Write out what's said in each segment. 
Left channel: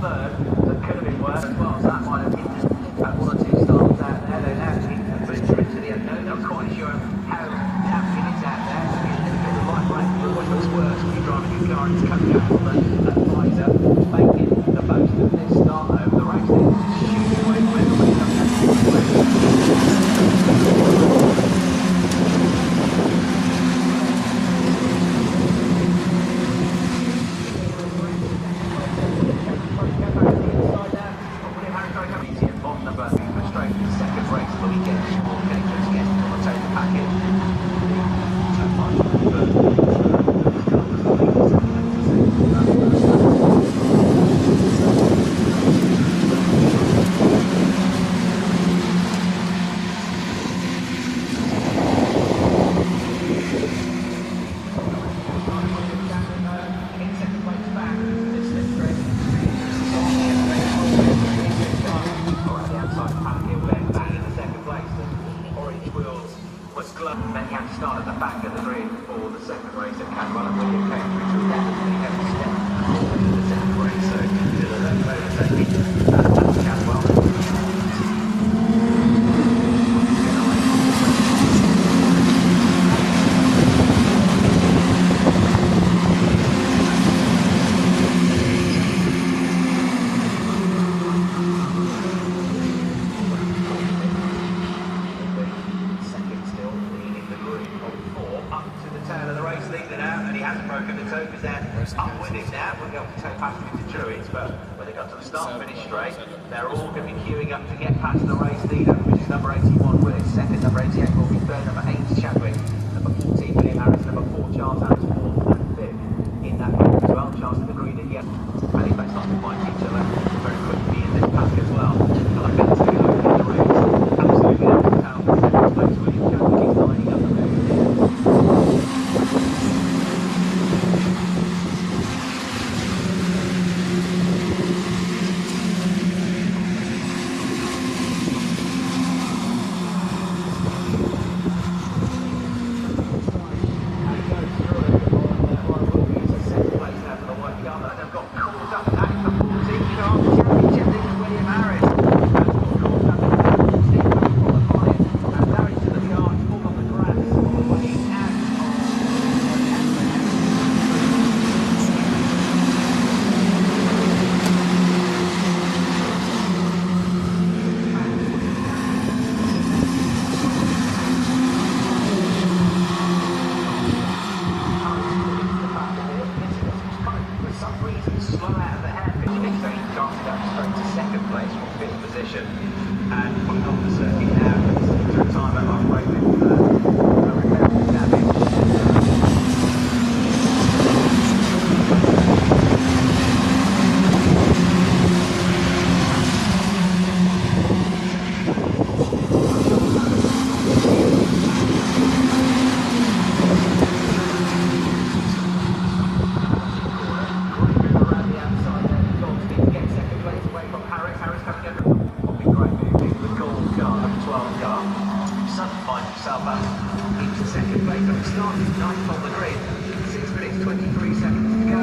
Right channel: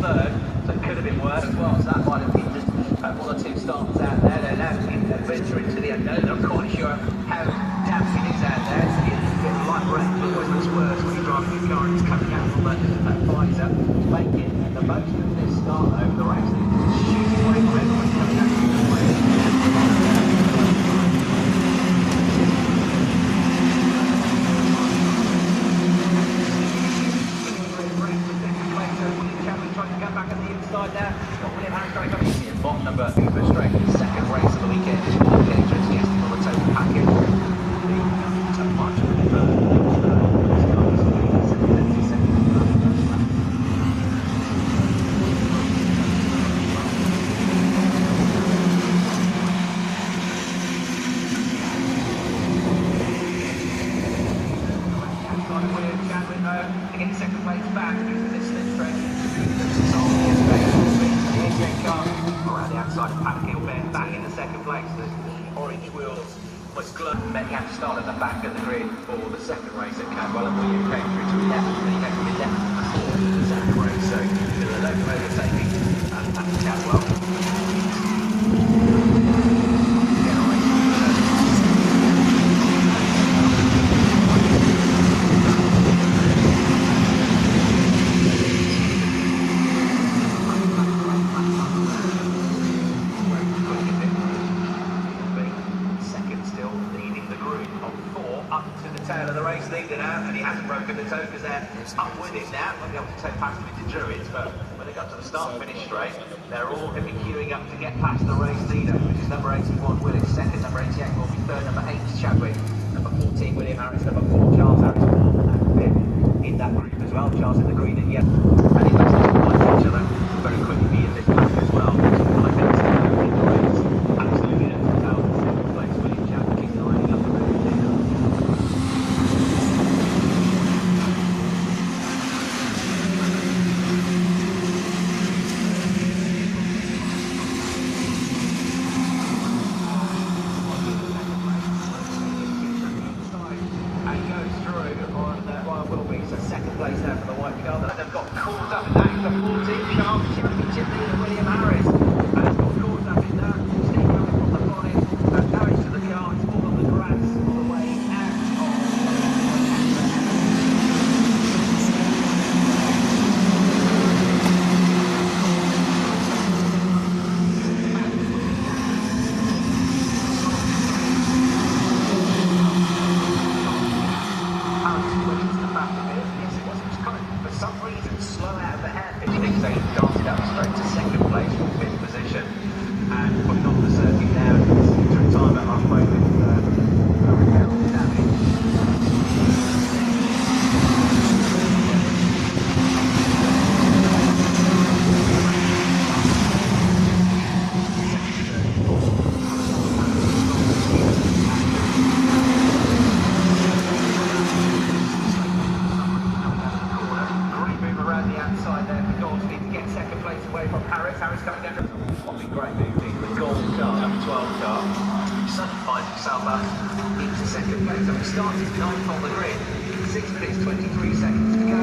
third, so it could have been worse as well. So that might have been just one or two starters out there. They're now venture into the unknown. Not quite sure how tapping is out there. It's a bit of light range. It always looks worse when you're driving your car. It's coming out from that visor, making the most of this start over the race. It's shooting away from everybody coming out to the way. Many have to start at the back of the grid for the second race at Cadwell and William came through to 11 the second race. So I don't know where you're taking that's Cadwell. Up with it now, we'll be able to take past him into Druids, but when they got to the start-finish straight, they're all going to be queuing up to get past the race leader, which is number 81, Willis. Second, number 88 will be third, number 8, Chadwick. Number 14, William Harris. Number 4, Charles Harris. In that group as well, Charles in the green and yellow. And he makes it like each other very quickly in this group as well. And I think it's going to be the race. Absolutely not to tell. The second place, William Chadwick, keeps lining up the road. Started ninth on the grid, 6 minutes 23 seconds to go.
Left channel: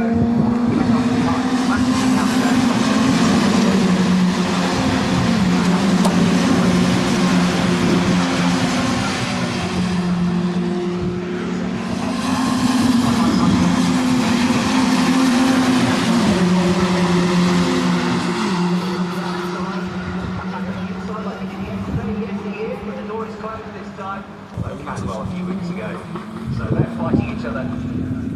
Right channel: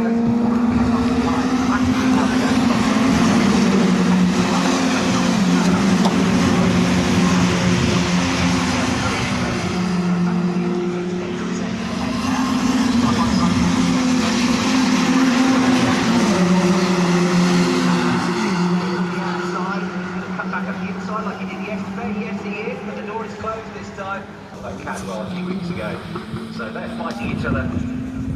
Cadwell a few weeks ago. So they're fighting each other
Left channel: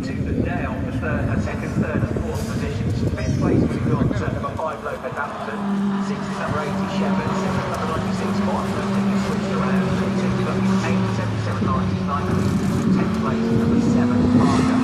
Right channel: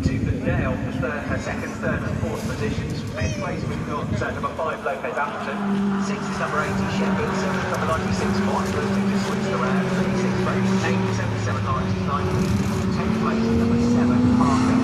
tooth and nail for second, third and fourth positions. Fifth place we've got number 5 Lopez Appleton, 6 is number 80 Shepherd, 7 is number 96 Morton, those two just switched around, 36 place, 8, 77 99, 10th place number 7 Parker.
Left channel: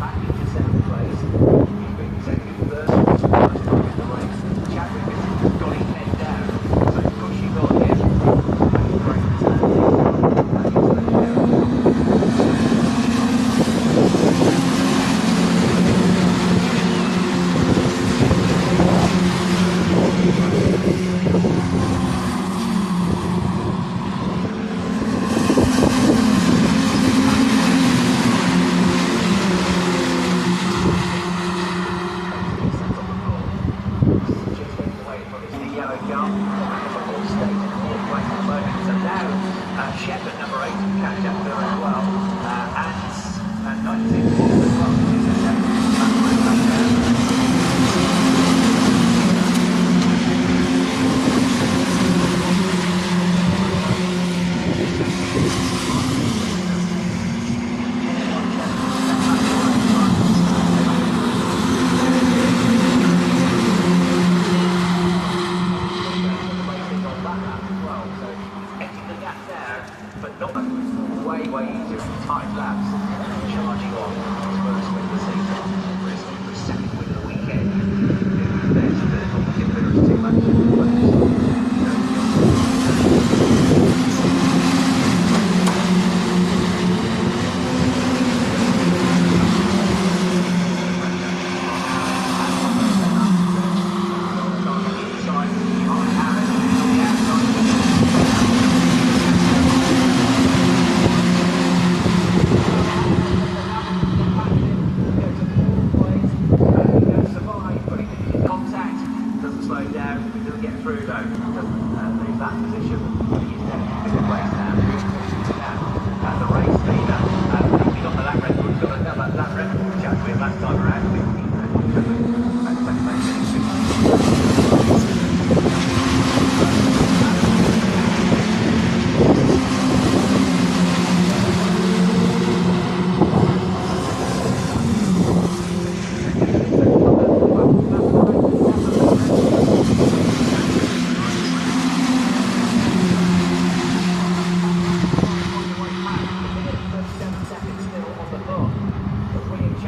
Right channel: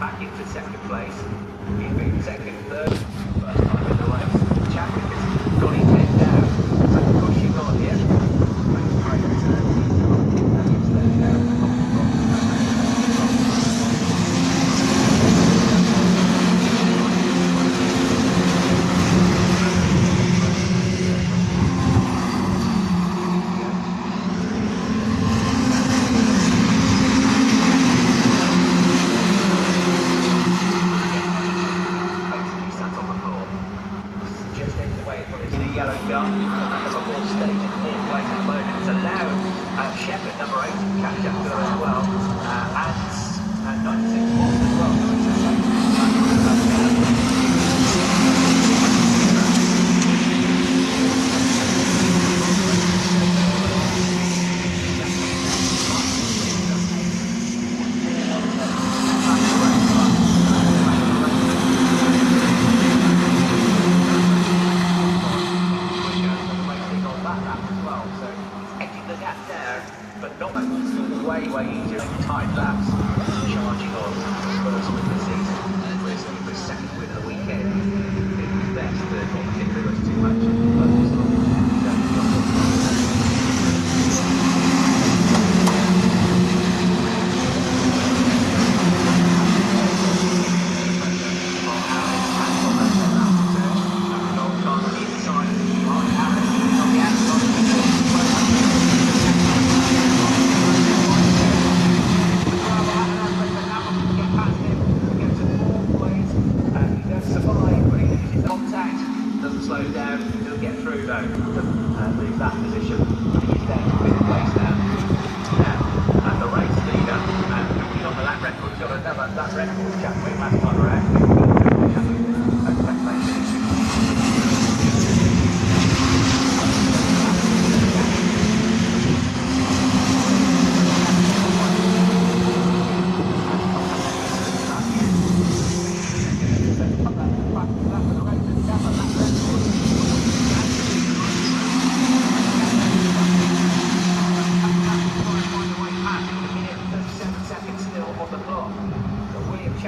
Back into second place.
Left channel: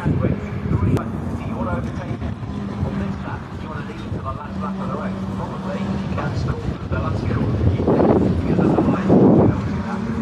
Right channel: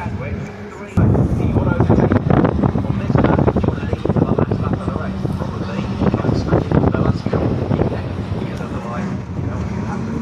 Chadwick. 3. Do you want to overtake? Next lap, do you want to lead for the last lap of the race? Probably. You can smash it. No, that's good. Keep it. Because otherwise, you know what's going to happen.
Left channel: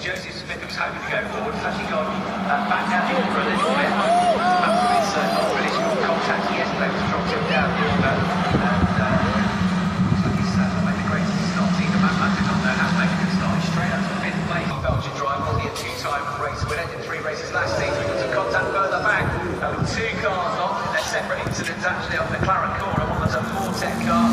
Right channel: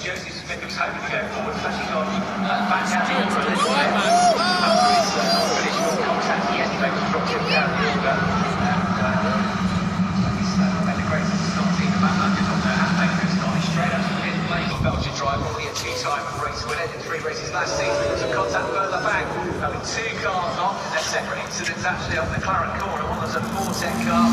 Joseph Smith was hoping to go forward, has he gone back out here for a little bit? Hopefully it's not finished with contact yesterday, was dropped him down here, but he's made a great start. Team about London on there has made a good start. He's straight up to fifth place. Belgian driver, already a two-time race winner in 3 races last season. We've got some contact further back. Having 2 cars on, they're separate incidents actually on the McLaren corner. One was a 410 car.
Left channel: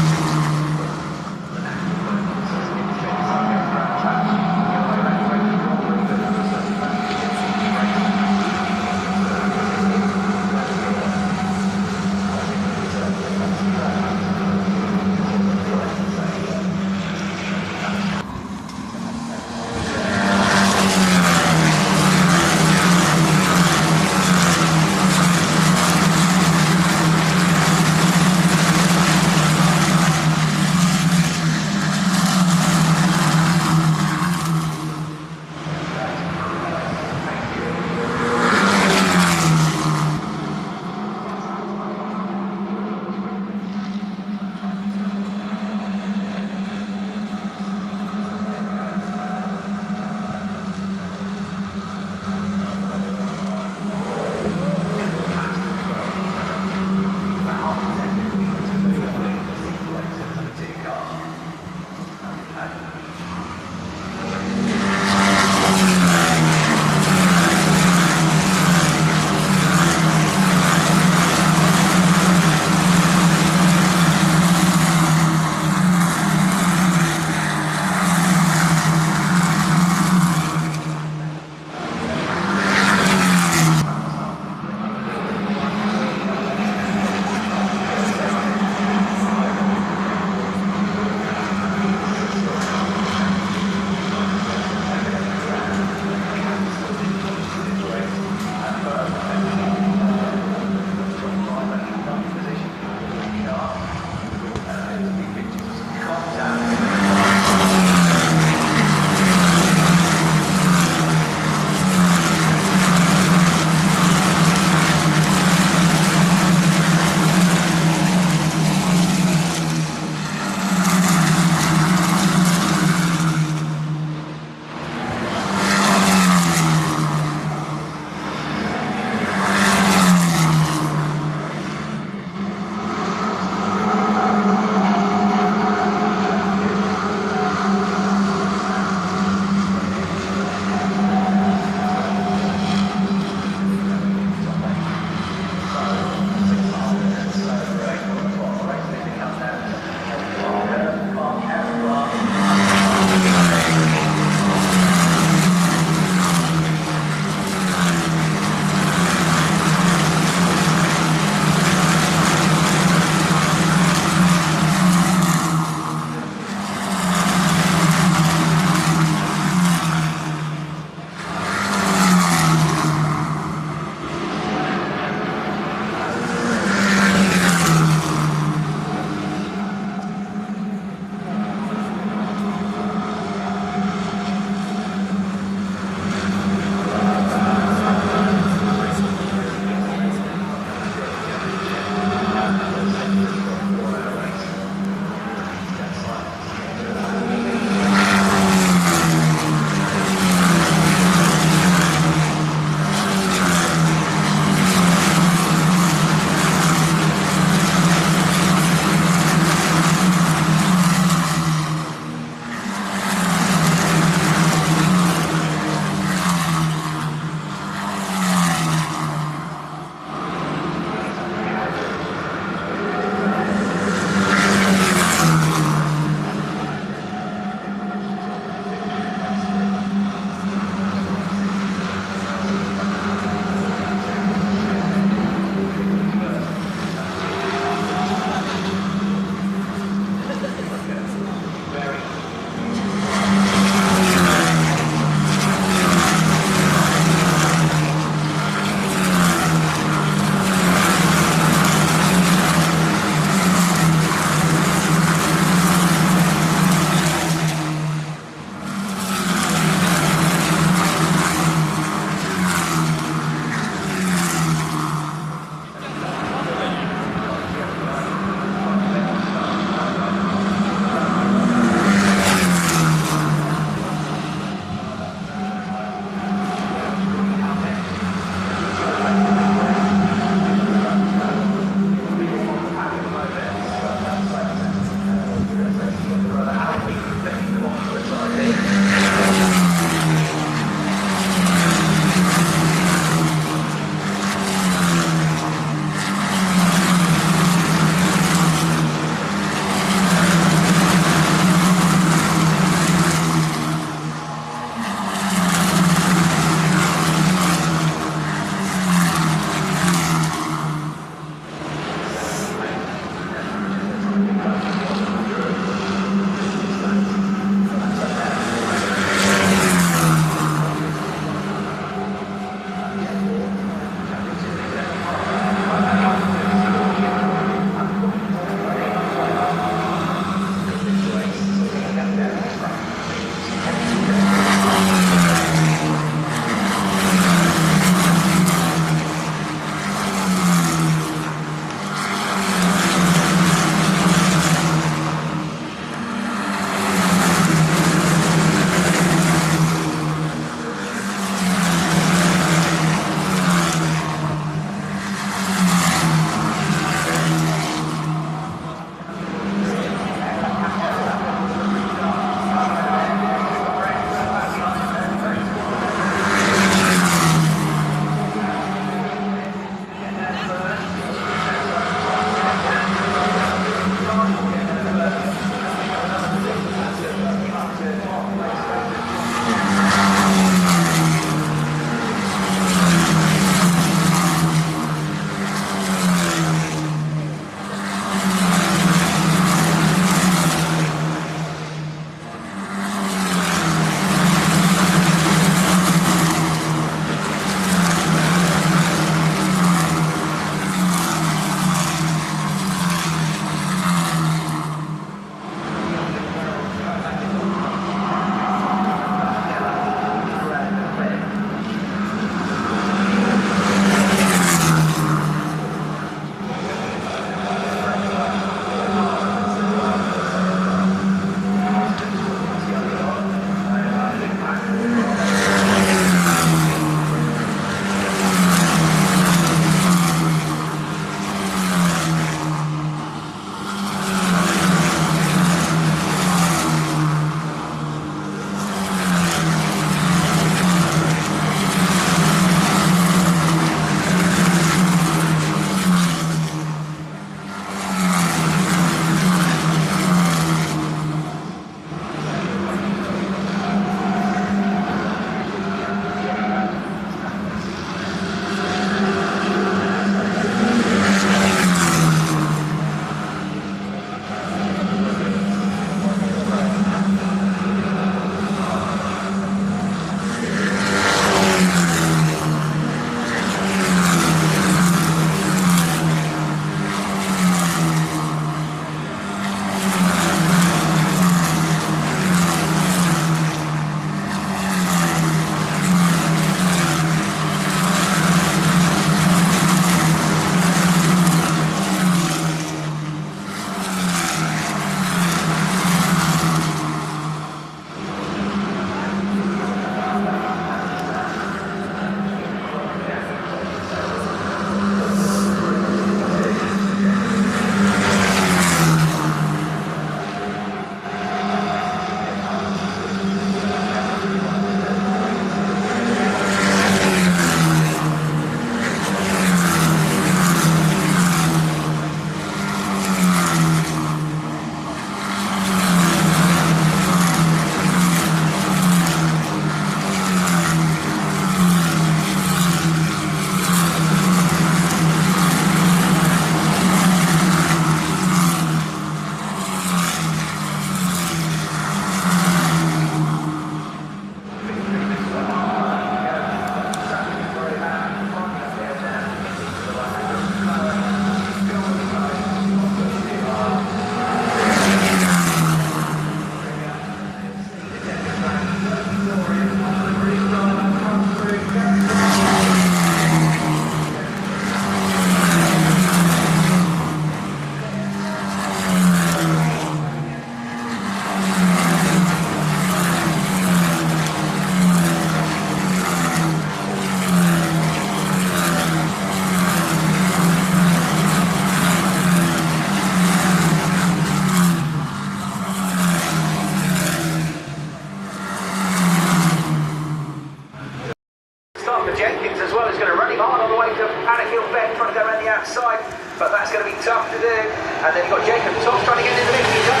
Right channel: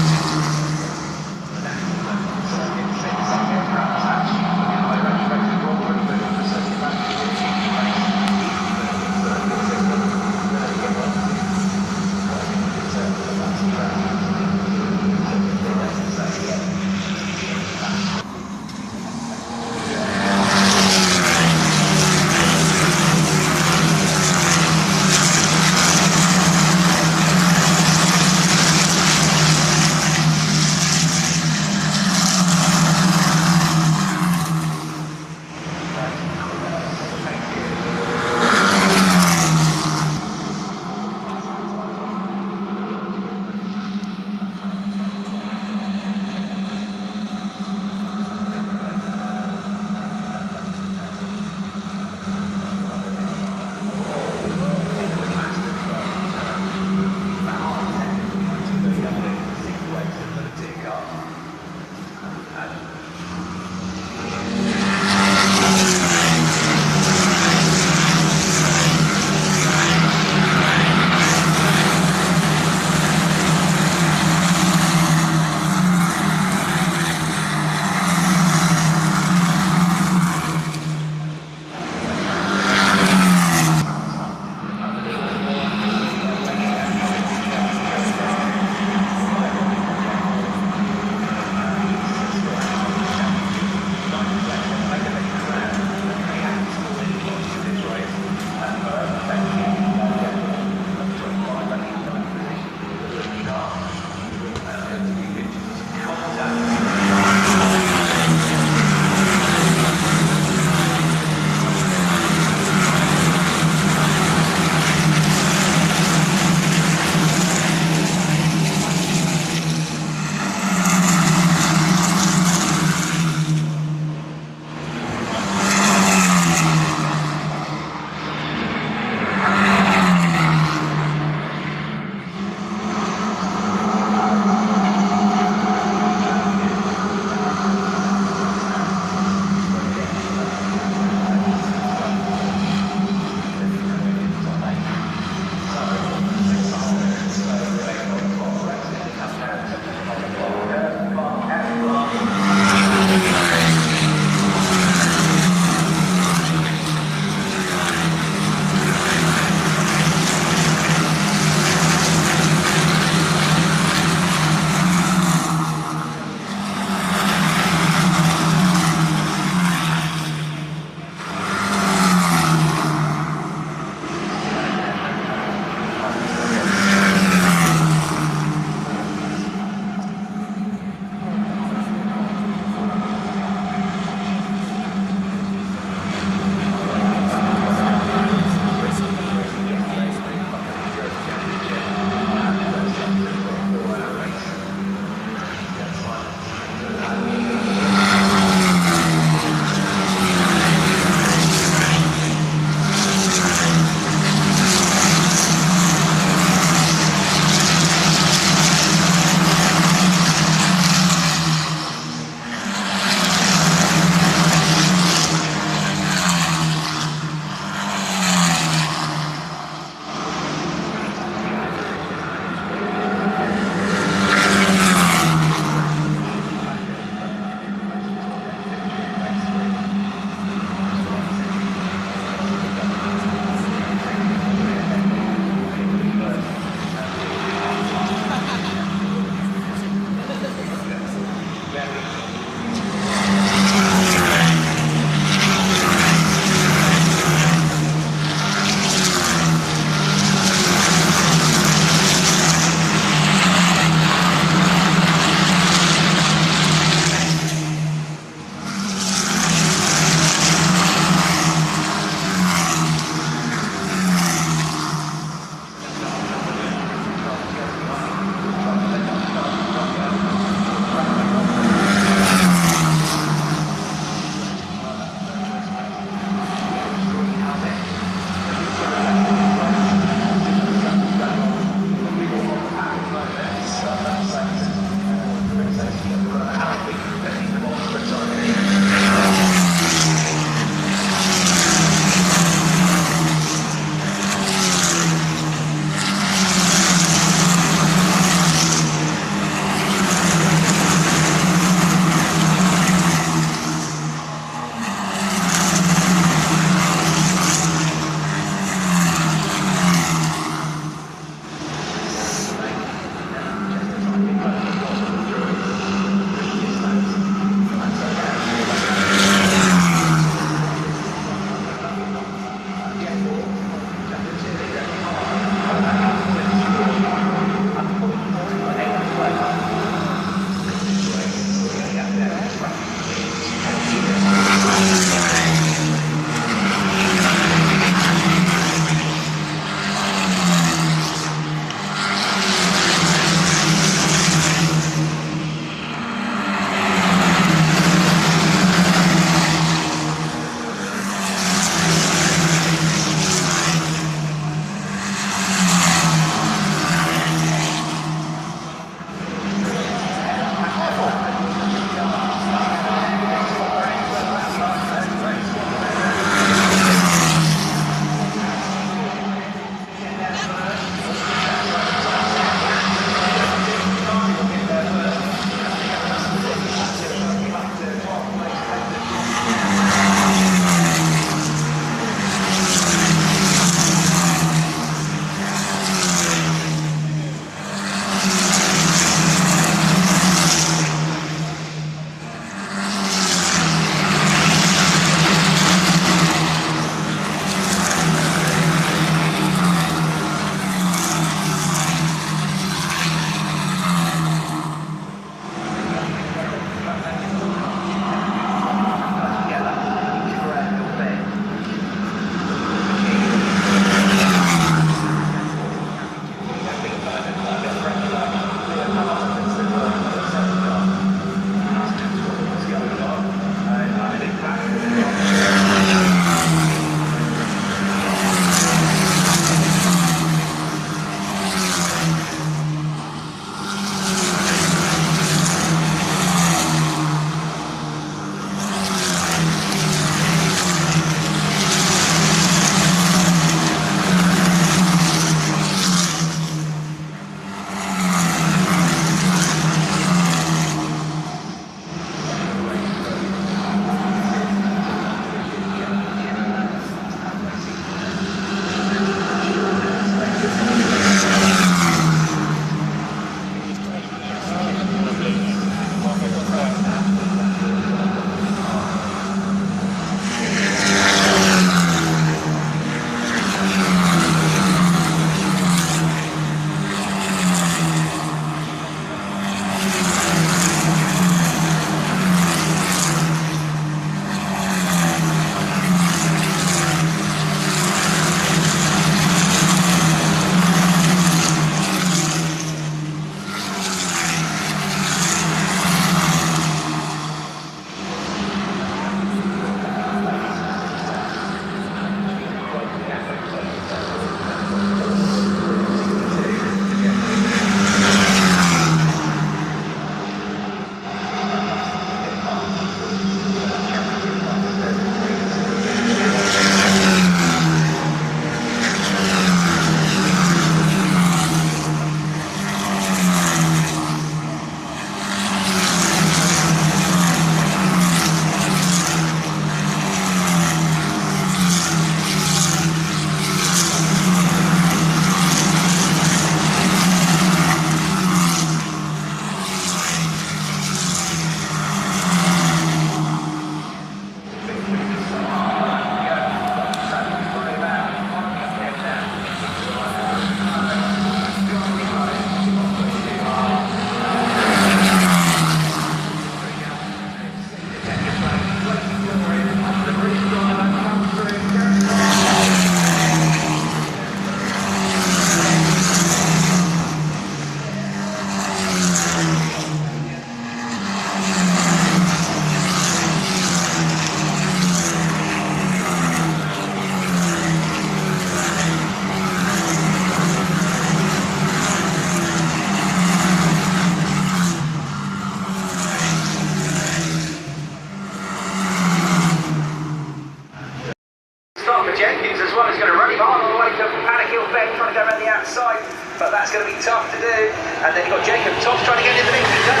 but that's going to be tough to do. And then you've got Jacob Tops trying to get in the mix. He does.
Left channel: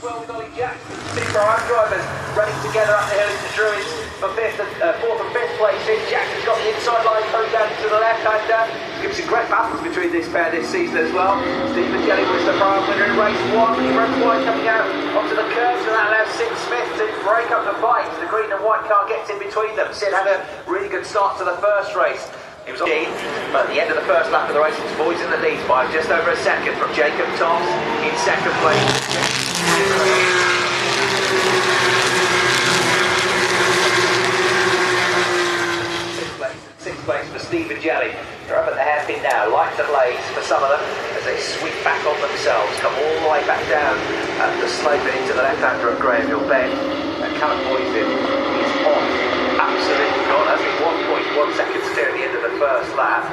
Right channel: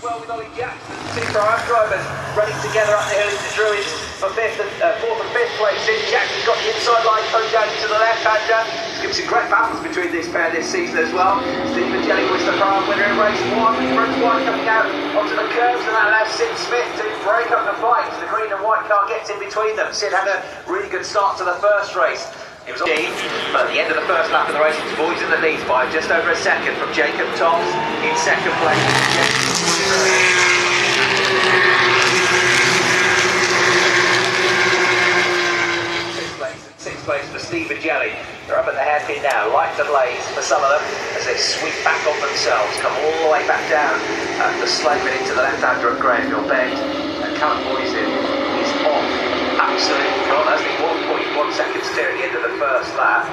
Well, with Ollie Jackson, 6 our drivers running together up the hill into Druids for 4th and 5th places. Jackson's got the inside line coming down to the left-hander. There's some great battles between this pair this season as well. Stephen Jelly was the car winner in race 1. Race 1 coming out onto the curves, and that allows Sid Smith to break up the fight. The green and white car gets in between them. Sid had a really good start to the first race. It was on, but at the end of the first lap of the race, it was Boys in the lead by just over a second from Jacob Toms in second place. Sixth place for Stephen Jelly. They're up at the hairpin now, lights ablaze for some of them as they sweep back on themselves, come all the way back down the slope into the left-hander of Graham Bend. Callum Boyson is off, absolutely gone. Has been 1.1 seconds clear at the end of the first lap,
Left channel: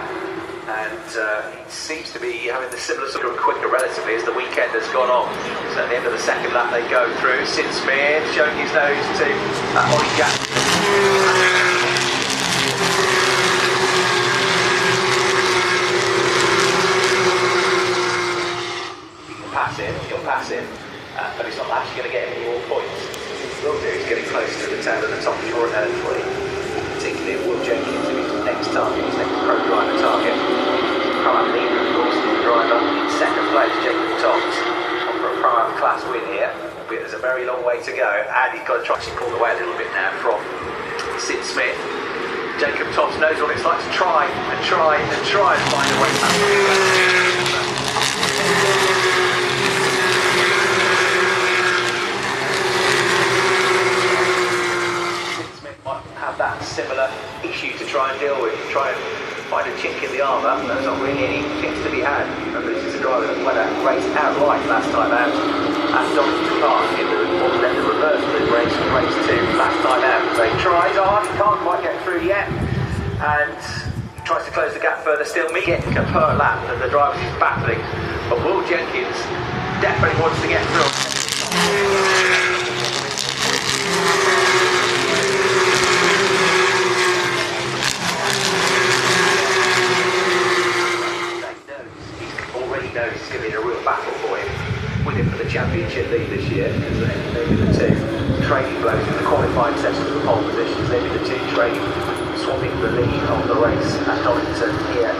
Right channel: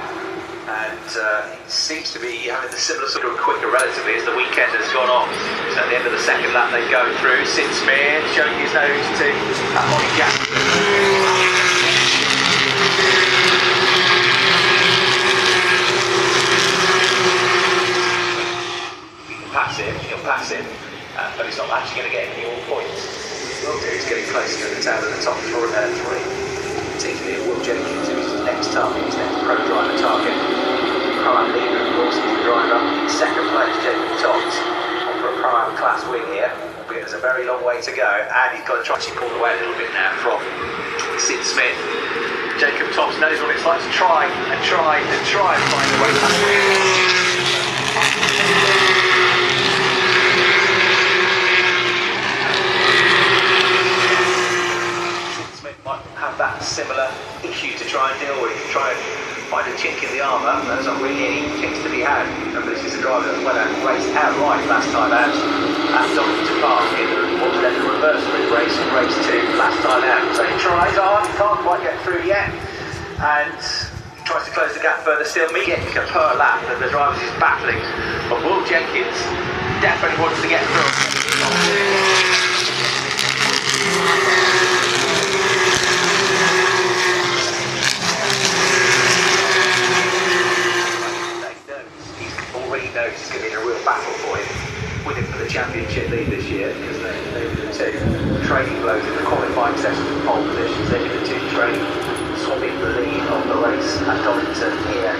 and he seems to be having the similar sort of quicker relatively as the weekend has gone on. So at the end of the second lap they go through. Sid Smith showing his nose to Ollie Jackson. He'll pass him, but he's not actually going to get any more points. Will do, he's getting closer to the town at the top 4 and 3. Particularly Will Jenkins, who's the next target, his next pro-drive target. Prime leader, of course, the driver. Second place, Jacob Tops, on for a prime class win here. There's a very long way to go, and he's got to try to pull away a little bit now from Sid Smith. Jacob Tops knows what it's like to try and try and try and find a way back. That similar issue to try and deal with, try and find a chink in the armour. There's not really any chinks to be had. And this is a driver that went out and raced outright last time out at Donington Park in what was then the reverse of the race from race 2 last time out. So he tries hard, can't quite get through yet, and he tries to close the gap further still. Me getting per lap, and the driver is battling. But Will Jenkins definitely wants to get through. It's going to be a real battle for him, with him for the championship lead this year, because they're the 2 training blokes in the qualifying sessions of pole positions. They're going to training, swapping the lead of the race at Donington here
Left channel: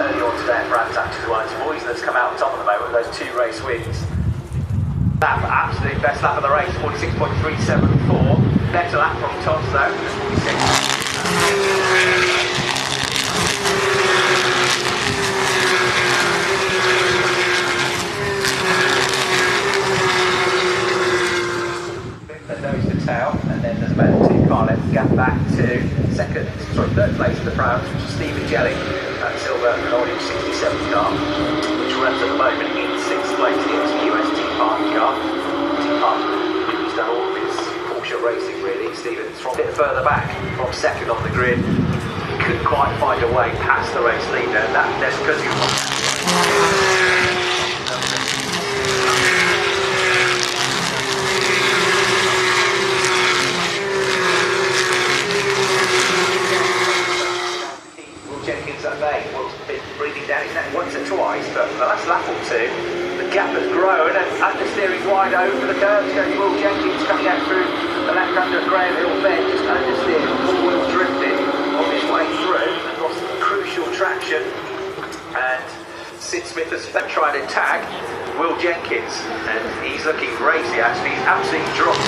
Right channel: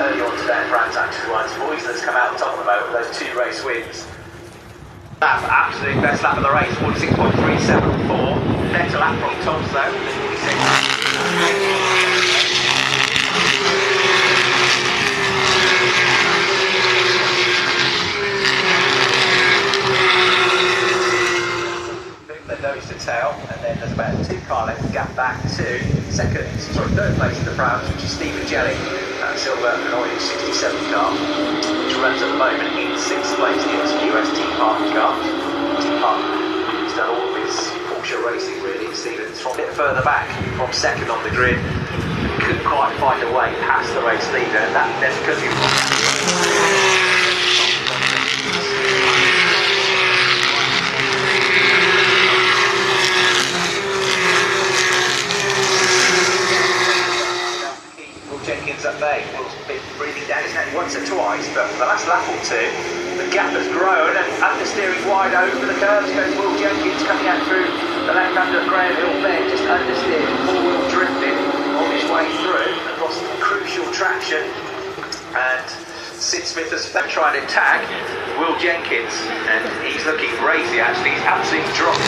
early on today. Brands Hatch BTCC that's come out on top of the moment with those 2 race wins. Absolute best lap of the race, 46.374. Better lap from Toms though. And then there's about a 2-car length gap back to third place in the Prowls, which is Stephen Jelly, that silver and orange 67 car, which runs at the moment in 6th place. The US T-Park car. T-Park has done all of his Porsche racing really. Stephen's from a bit further back, from 2nd on the grid. Couldn't quite find a way past the race leader, and that's because he breathing down his neck once or twice, but the last lap or 2, the gap has grown and understeering wide over the curves. Goes Will Jenkins coming out through the left-hander at Graham Bend, just understeering, four-wheel drifting on his way through, and lost crucial traction. And Sid Smith has been trying to tag Will Jenkins, and he's looking crazy actually. He's absolutely dropped.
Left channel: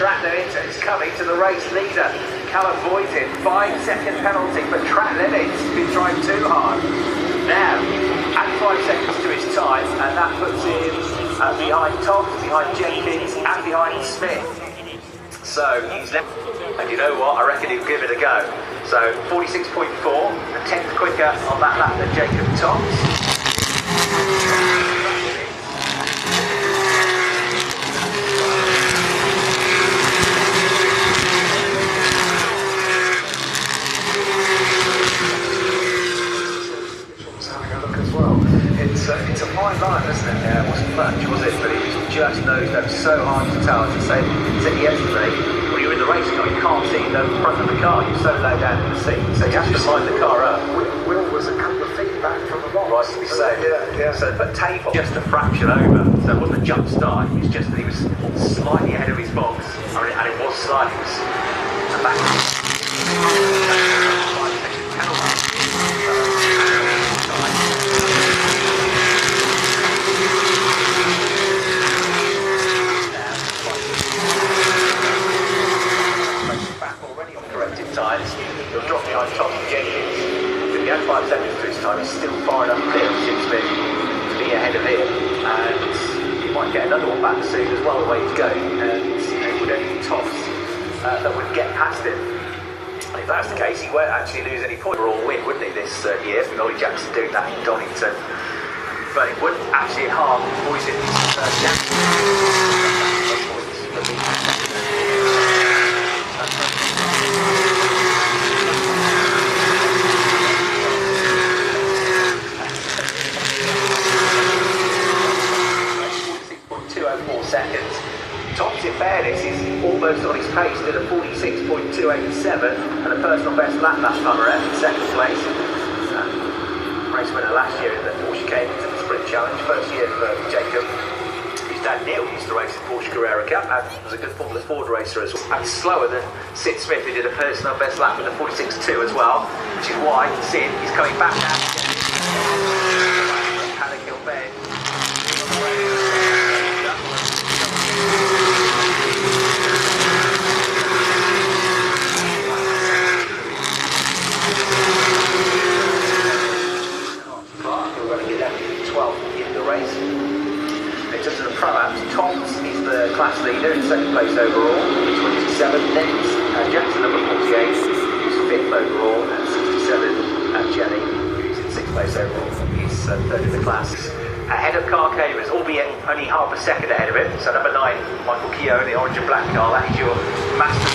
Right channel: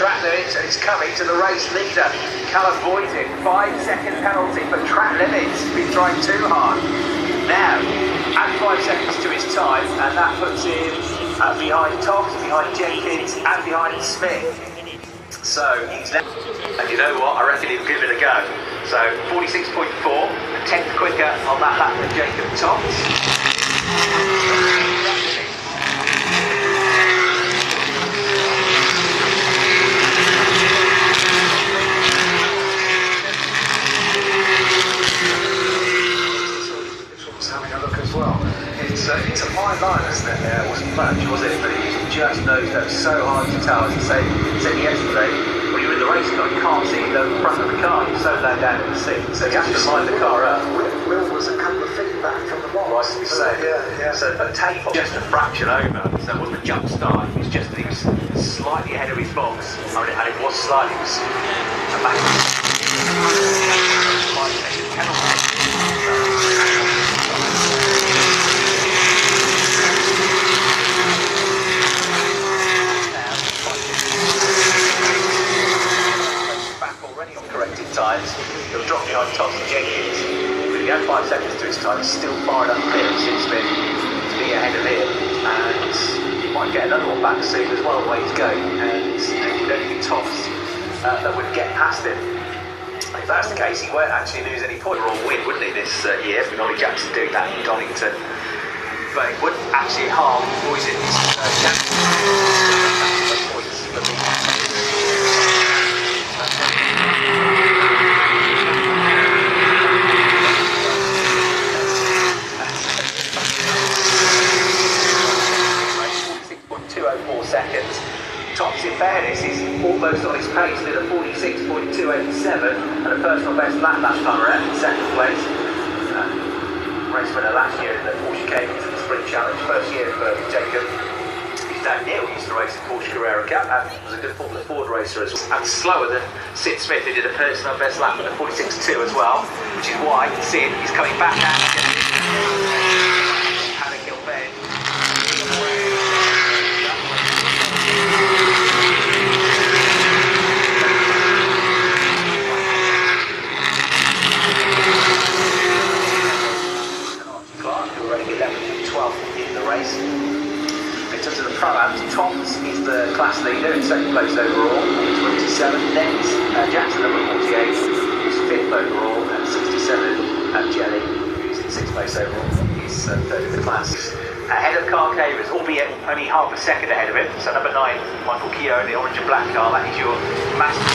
Track limits, and it's coming to the race leader, Callum Boyton. 5-second penalty for track limits. He's been trying too hard. Now, add 5 seconds to his time, and that puts him behind Toms, behind Jenkins, and behind Smith. So he's left, and you know what? I reckon he'll give it a go. So 46.4, a tenth quicker on that lap than Jacob Toms. fine line, isn't it? It wasn't much, was it? But he just knows that was so hard to tell. As I said yesterday, when you're in the race car, you can't see the front of the car. You're so low down in the seat. So you have to line the car up. Will was a couple of feet back from the box. Right, so yeah. So but tape just a fraction over. So it wasn't a jump start. It was just that he was slightly ahead of his box. And it was slightly. It was a back. 5-second penalty. Times, he'll drop behind Thomas and Jenkins. He had 5 seconds to his time, he's still far enough clear to be ahead of him, and he might get another one back soon as well, the way to go, and then Thomas that would get past him. If that's the case, he won't actually lose any point or win, wouldn't he, this year, for Ollie Jackson doing that in Donington. But it wouldn't actually harm Poison. Thomas, in fairness, is almost on his pace with a 46.287 and a personal best lap that time around in second place. Race winner last year in the Porsche Cambridge Sprint Challenge, first year for Jacob. His dad Neil used to race the Porsche Carrera Cup and was a good Formula Ford racer as well. And slower than Sid Smith, who did a personal best lap with a 46.2 as well, which is why Sid is coming back down again. Thomas is the class leader in second place overall, he's 27 points. Jackson number 48 is 5th overall at 67, and Jenny is in 6th place overall, he's 3rd in the class. Ahead of Carl Cavers, albeit only half a second ahead of him, so number 9, Michael Keogh in the orange and black car, that is your massive.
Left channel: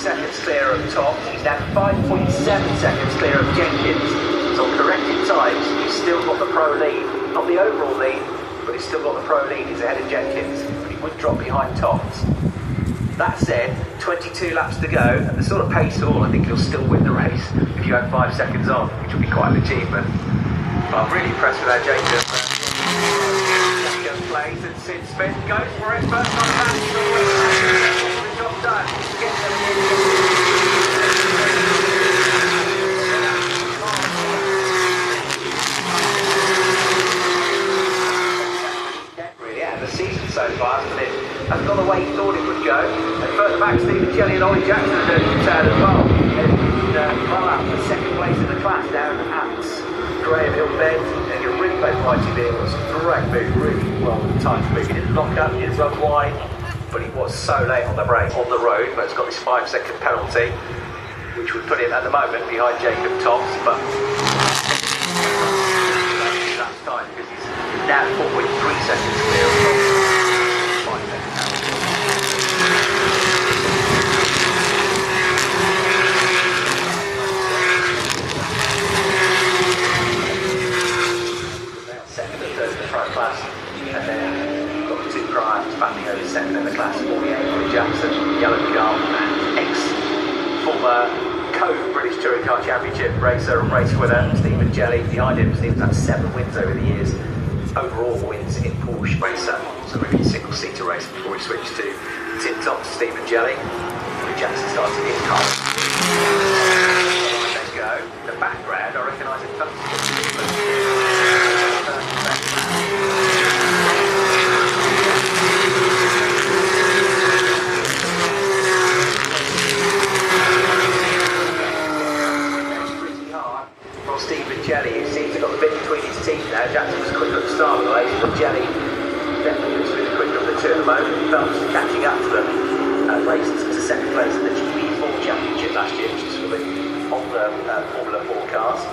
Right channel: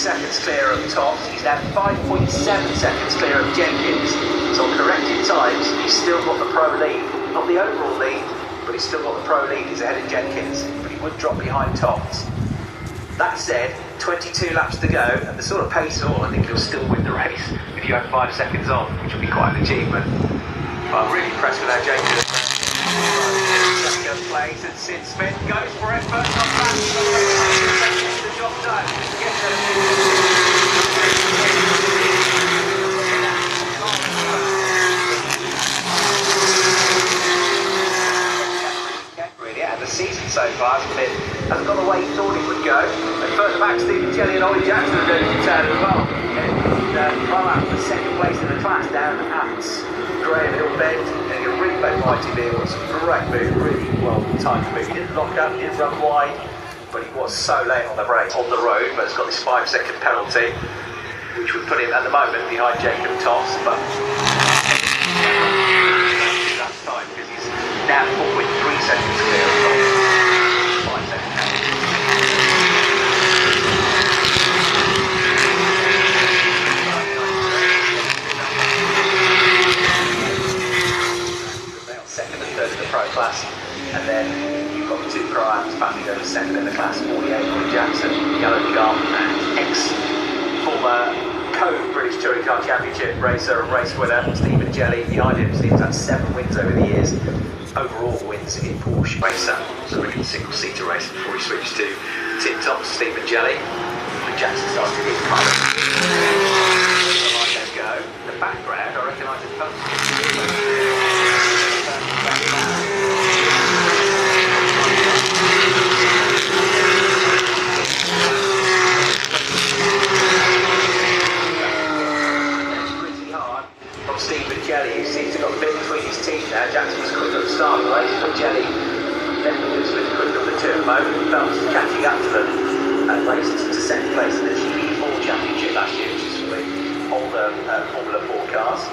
Seconds clear of Toft, he's now 5.7 seconds clear of Jenkins. So on corrected times, he's still got the pro lead. Not the overall lead, but he's still got the pro lead. He's ahead of Jenkins, but he would drop behind Toft. That said, 22 laps to go, and the sort of pace all, I think he'll still win the race if you had 5 seconds on, which would be quite an achievement. But I'm really impressed with that Jenkins. Second place, and Sid Smith goes for it, first one back, he's on the way to the job done. The season so far hasn't gone the way he thought it would go. And further back, Stephen Jelly and Ollie Jackson are doing the tail as well. Well out for second place in the class down at Graham Hill Bend. And a really big mighty deal. It was a great move, really well timed move. He didn't lock up, he didn't run wide, but he was so late on the brake on the road. But it's got this 5-second penalty, which would put him at the moment behind Jacob Toft. But that's time because he's now 4.3 seconds clear. 5 seconds. Second and third in the pro class, and then you've got the 2 pro-ams back in the second in the class, Áron Jackson, yellow car, ex-former co-British Touring Car Championship racer and race winner, Stephen Jelly. Behind him, he's had 7 wins over the years. Overall wins in Porsche racer. So we're in single-seater racing before he switched to Tim Thomas, Stephen Jelly. Jackson started his car. They go. In the background, I recognise it comes. Jelly, who seems to have got the bit between his teeth now. Jackson was quicker at the start of the race, but Jelly definitely was quicker than the 2 at the moment. He felt catching up to them and races into second place in the GP4 Championship last year, which is for the older Formula 4 cars.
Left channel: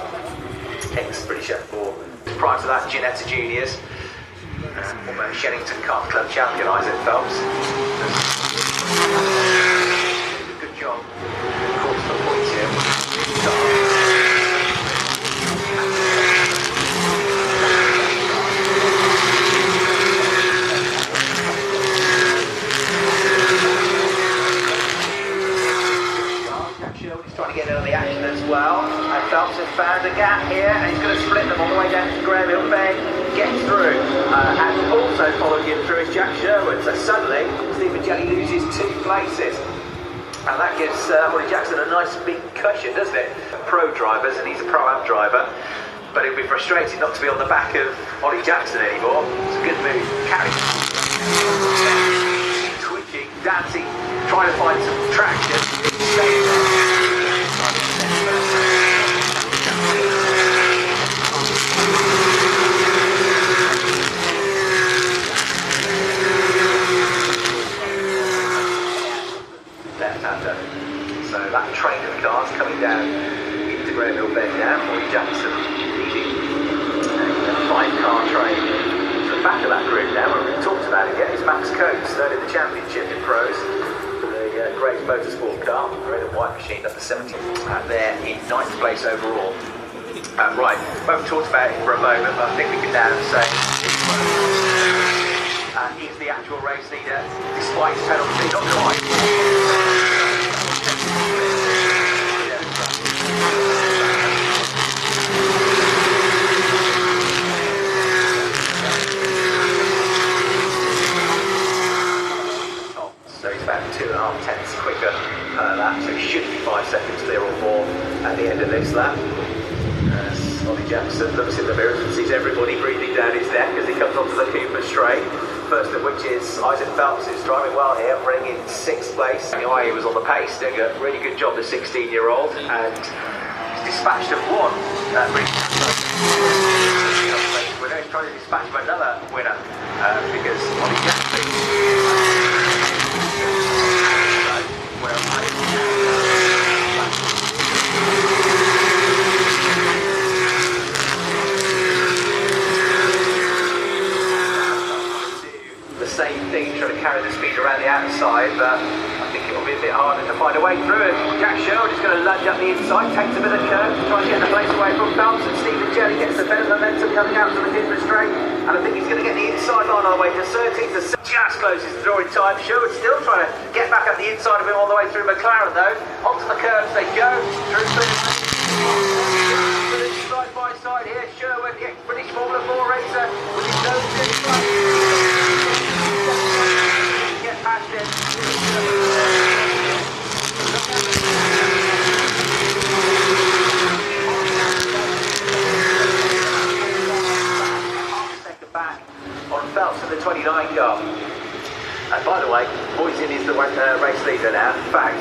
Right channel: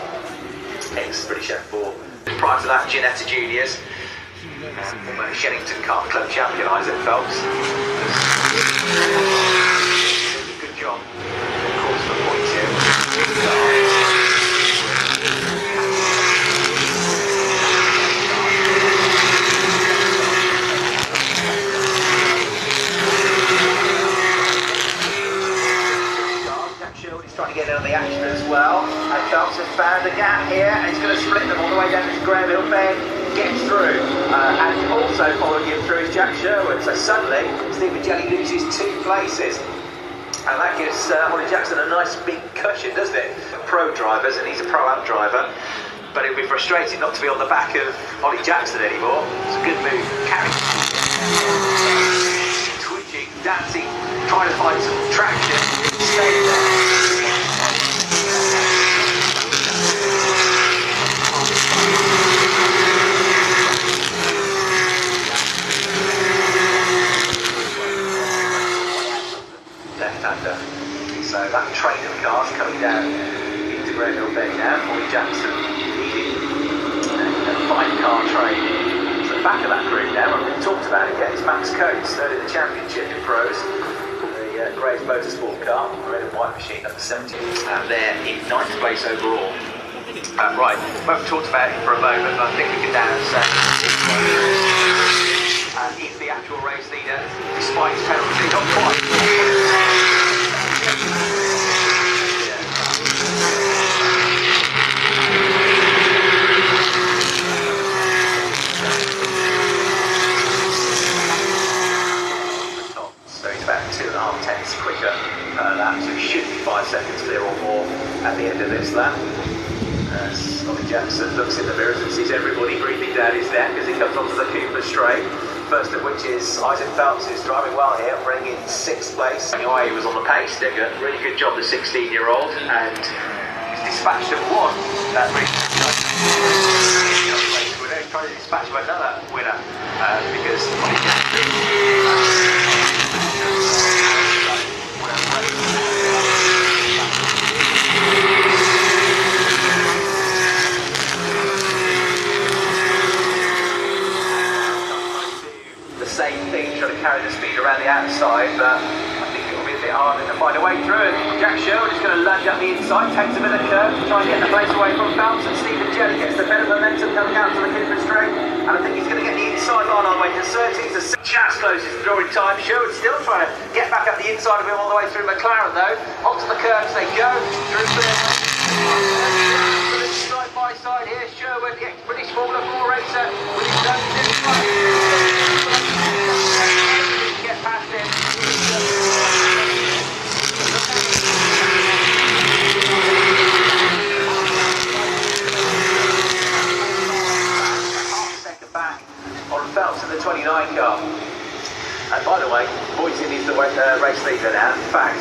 lap Ginetta Juniors. Former Shennington Kart Club champion Isaac Phelps. Good job. Of course, for points here. He's trying to get in on the action as well. Phelps has found a gap here and he's going to split them all the way down to Graham Hill Bend. Gets through. And also following him through is Jack Sherwood. So suddenly, Stephen Jelly loses 2 places. And that gives Ollie Jackson a nice big cushion, doesn't it? Pro drivers, and he's a pro-am driver. But it'll be frustrating not to be on the back of Ollie Jackson anymore. It's a good move. Carry. Twitching, dancing, trying to find some traction. So that train of cars coming down into Graham Hill Bend now. Ollie Jackson leading 5-car train to the back of that group now. We haven't talked about it yet. It's Max Coates, third in the championship in pros. The Grays Motorsport car, red and white machine, up to 17. And they're in 9th place overall. Right, we haven't talked about it for a moment, but I think we can down and say he's the actual race leader, despite his penalty, not quite. So he's about 2.5 tenths quicker lap, so he should be 5 seconds clear or more at the end of this lap. Ollie Jackson looks in the mirror and sees everybody breathing down his neck as he comes onto the kick straight. First of which is Isaac Phelps, who's driving well here, bringing in 6th place. He was on the pace, did a really good job, the 16-year-old, and he's dispatched of one. We're now trying to dispatch another winner because Ollie Jackson. Same thing, trying to carry the speed around the outside, but I think it will be a bit harder to find a way through. Jack Sherwood is going to lunge up the inside, takes a bit of the curve, trying to get the place away from Phelps, and Stephen Jelly gets the bit of momentum coming out to the Kidman straight, and I think he's going to get the inside line on the way to 30. So just closes the drawing time. Sherwood still trying to get back up the inside of him all the way through McLaren though. Onto the curves they go. Side by side here, Sherwood, the ex-British Formula 4 racer, with his nose inside. Get past him. Half a second back on Phelps in the 29 car. And by the way, Boyson is the race leader now. In fact,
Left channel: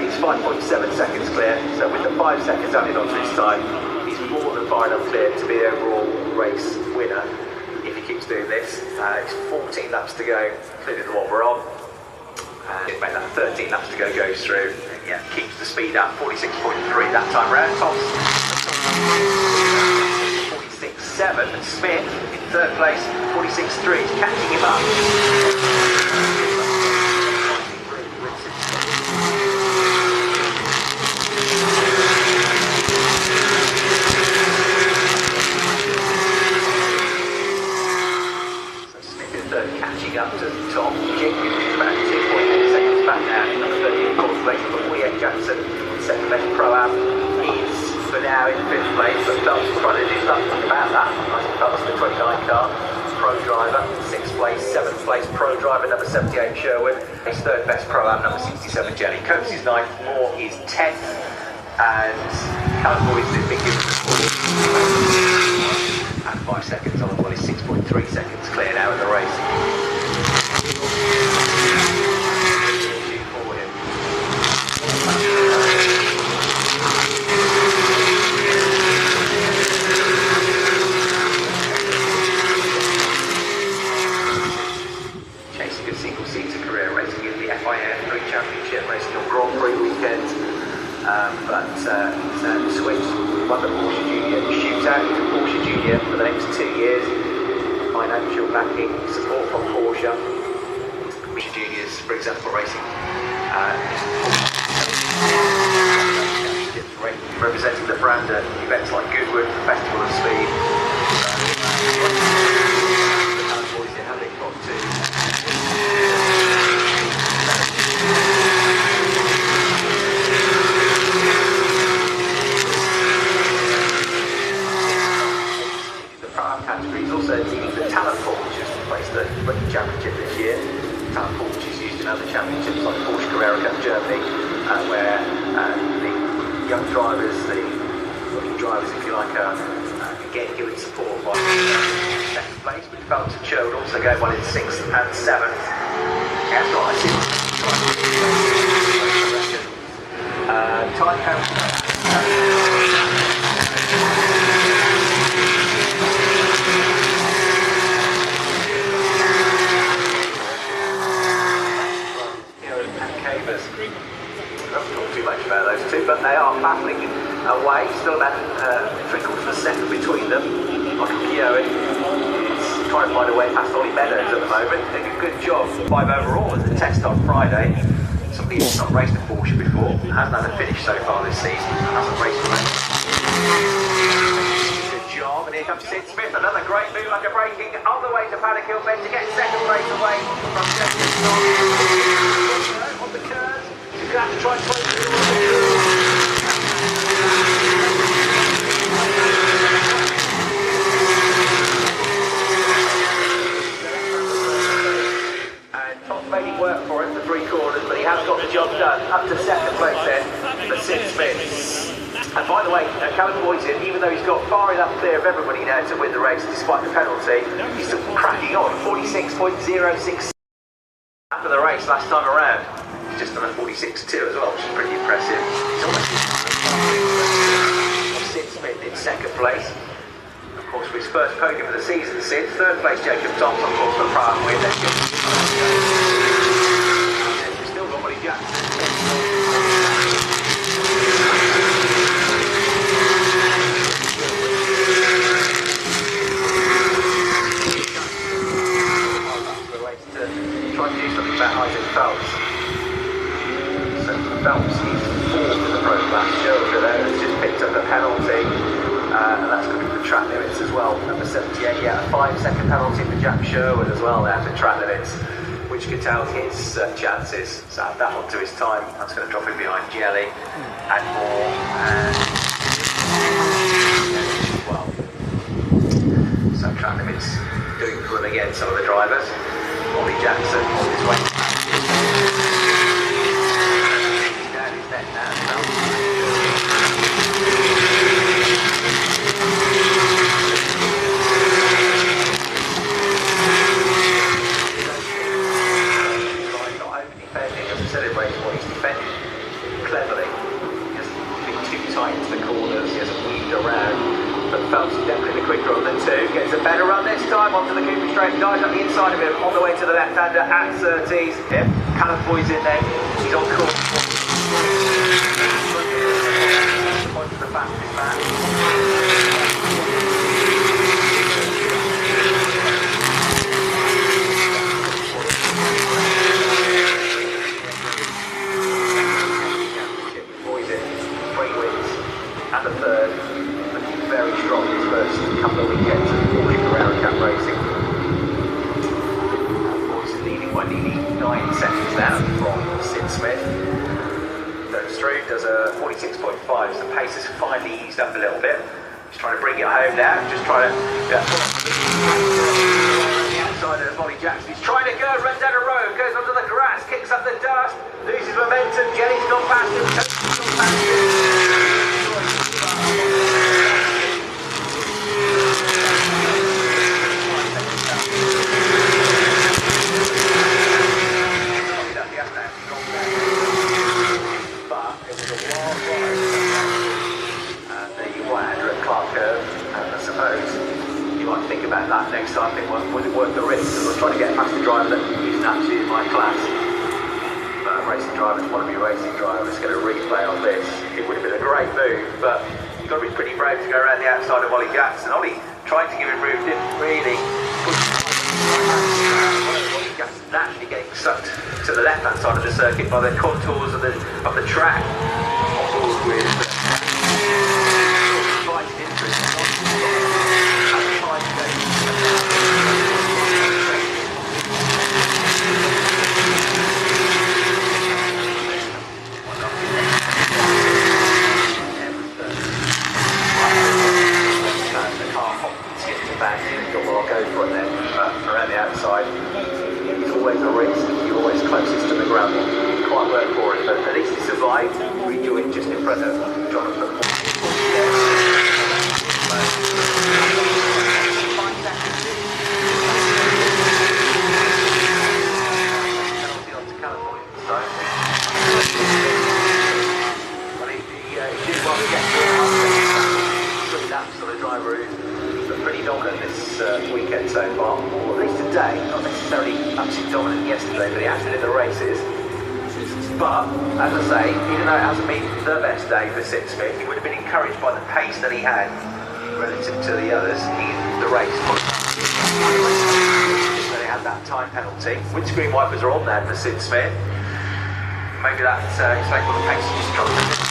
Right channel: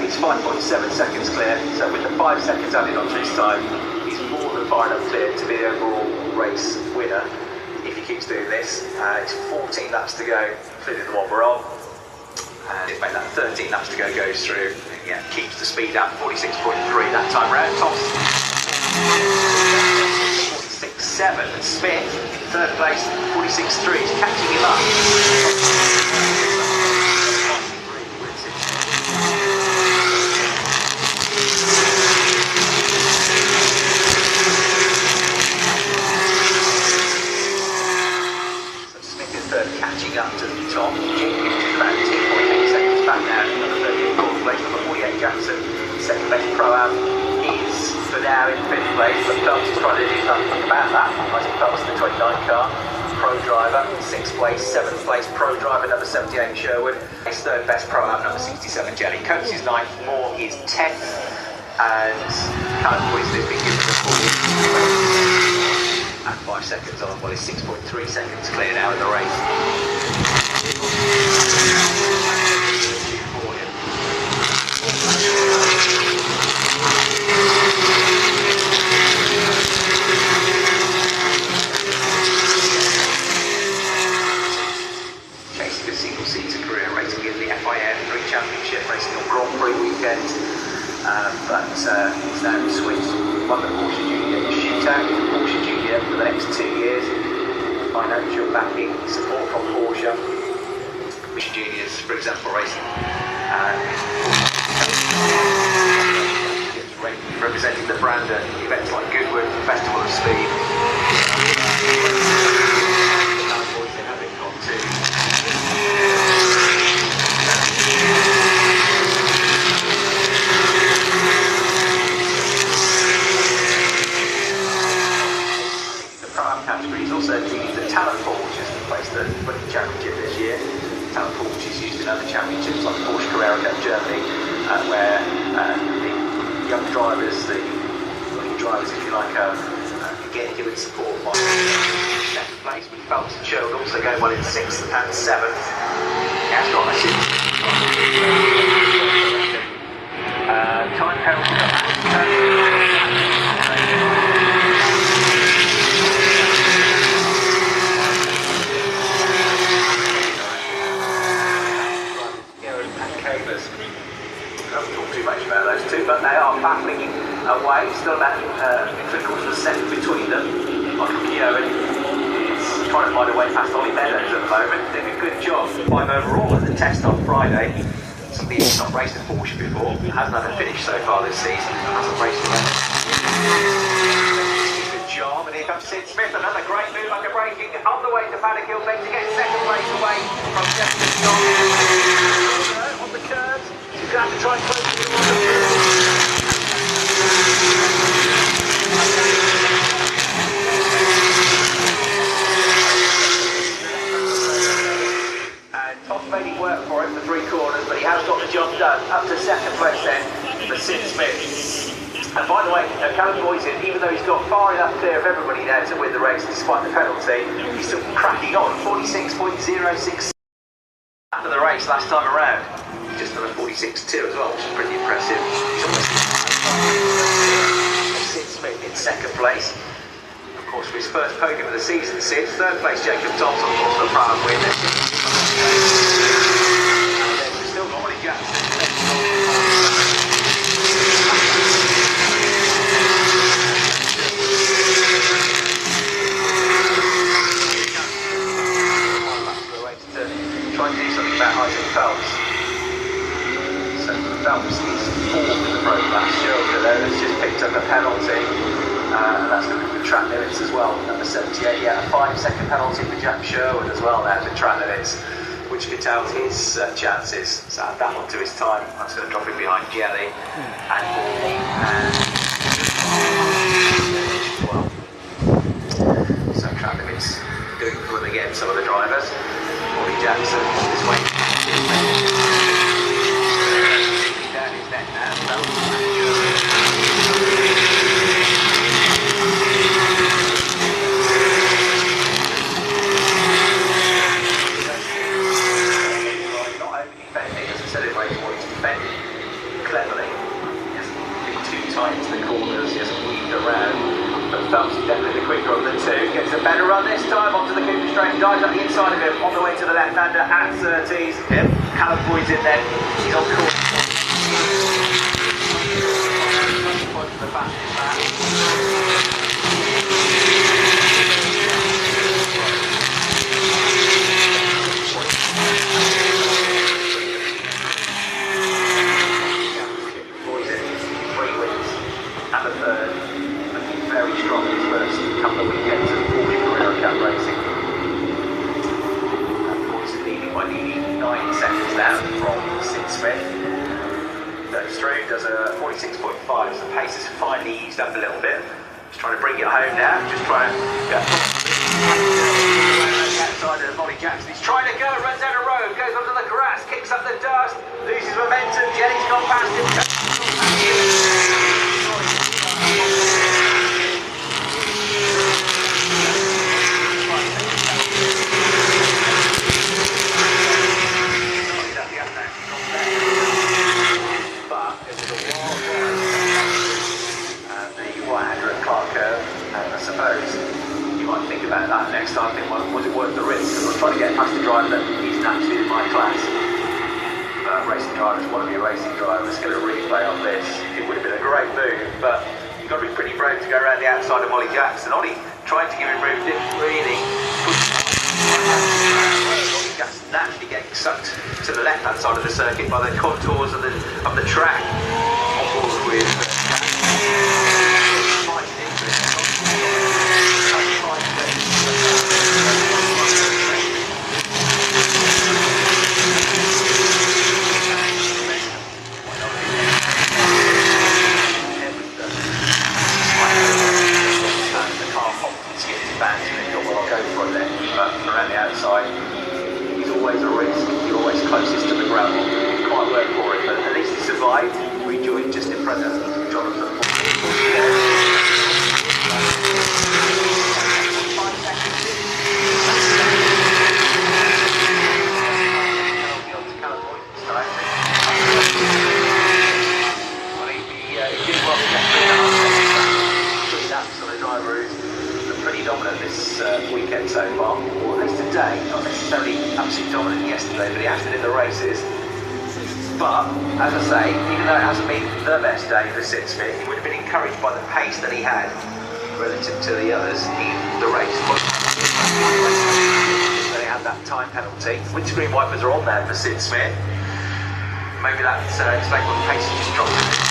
he's 5.7 seconds clear. So with the 5 seconds added onto his time, he's more than far enough clear to be the overall race winner. If he keeps doing this, it's 14 laps to go, including the one we're on. And in fact, that 13 laps to go goes through. And yeah, keeps the speed up, 46.3 that time round. Tops 46.7. Smith in 3rd place, 46.3. He's catching him up. Catching up to Tom, about 2.8 seconds back now in the 4th place for Ollie Jackson. 2nd place Pro-Am is for now in 5th place, but Phelps is trying to do something about that. I think Phelps in the 29 car, Pro driver, 6th place, 7th place Pro driver, number 78 Sherwood. His 3rd best Pro-Am, number 67 Jenny. Coates is 9th, Moore is 10th, and Callum Boyce is big given and 5 seconds on, well, he's 6.3 seconds clear now in the race. Chasing a single-seater career, racing in the FIA Championship, racing on Grand Prix weekend, but he's now switched. Wonderful junior. distributor, Porsche Junior, for the next 2 years. Financial backing, support from Porsche. Porsche Juniors, for example, racing. Representing the brand at events like Goodwood, Festival of Speed. Boys, they haven't got to. The Prime category is also the Talent Pool, which is to place the British Championship this year. Talent Pool, which is used in other championships like Porsche Carrera Cup Germany, where the young drivers, if you like, again giving support by second place, but Felton Show would also go well in 6th and 7th. That's right, time Don't talk too much about those two, but they are battling away. Still about 3/4% between them. Kieran is trying to find a way past Ollie Meadows at the moment. Doing a good job. 5 overall at the test on Friday. Somebody who's not raced a Porsche before, hasn't had a finish so far this season, hasn't raced a good job. And here comes Sid Smith, another great move under braking on the way to Paddock Hill Bend to get second place away from Jeffrey on the curves. He's going to have to try and play Top maybe work for it for 3 corners, but he has got the job done. Up to second place then for Sid Smith. And by the way, Callum Boyson, even though he's got far enough clear of everybody now to win the race despite the penalty, he's still cracking on. 46.06 after the race last time around. He's just done a 46.2 as well, which is pretty impressive. Sid Smith in second place. Of course, for his first podium of the season, Sid. Third place, Jacob Thompson, of course, for the Prime win. We've still got Ollie Jackson. Try and do something about Isaac Phelps. So Phelps is 4th in the programme. Sherwood has just picked up a penalty. That's track limits as well. Number 78, yeah, a 5-second penalty for Jack Sherwood as well there for track limits, which curtailed his chances. So add that onto his time. That's going to drop him behind Gelly and Moore and so track limits doing for them again, some of the drivers. Ollie Jackson on his way. Not only defending, as he celebrates what he's defending cleverly. He hasn't been too tight into the corners, he hasn't moved around. But Phelps is definitely the quicker of the two. Gets a better run this time onto the Kidney straight. Dives up the inside of him on the way to the left-hander at 30s. Yep, Callum Boy's in then. He's on course. Point to the back. Boy's in 3 wins and the third. Very strong in his first couple of weekends in Porsche Carrera Cup racing. Porsche leading by nearly 9 seconds down from Sid Smith. Goes through, does a 46.5, so the pace has finally eased up a little bit. He's trying to bring it home now, just trying to around the outside of Ollie Jackson. He's trying to go, runs down a road, goes onto the grass, kicks up the dust, loses momentum, Jenny's not past him. About that next time, think, was it worth the risk? We'll try to get past the driver that is an absolute high class. Racing drivers, want to be racing drivers, going to really play on this. It would have been a great move, but You've got to be pretty brave to go around the outside of Ollie Jackson. Ollie tried to give him room, didn't really. Ollie Jackson naturally getting sucked to the left-hand side of the circuit by the contours of the track. Around the outside, it's always a risk, always closest to the ground. Quite work for it, but at least he survived. We do it just in front of Jonathan. He did well laps on the dry route. Pretty dominant this weekend so far. Well, at least today, not necessarily absolutely dominant yesterday, but he has been in the races. But, as I say, even though it hasn't been the best day for Sid Smith, he would have been encouraged by the pace that he had relative to the others in the race. So they had that time penalty. Windscreen wipers are on there for Sid Smith. Maybe that explains what the pace has just dropped.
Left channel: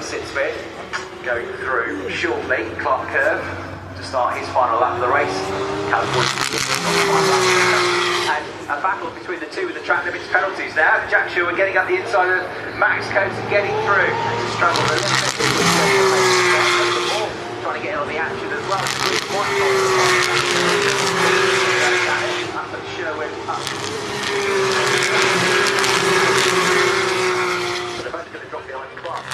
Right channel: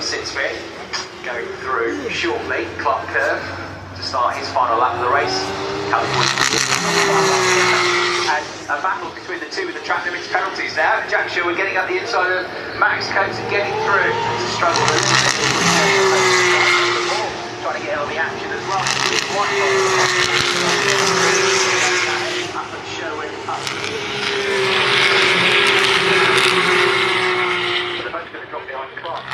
Sid Smith going through shortly, Clark Curve, to start his final lap of the race. And a battle between the two with the track limits penalties now. Jack Shaw getting up the inside of Max Coates and getting through. It's a struggle. Trying to get on the action as well. They're both going to drop behind Clark.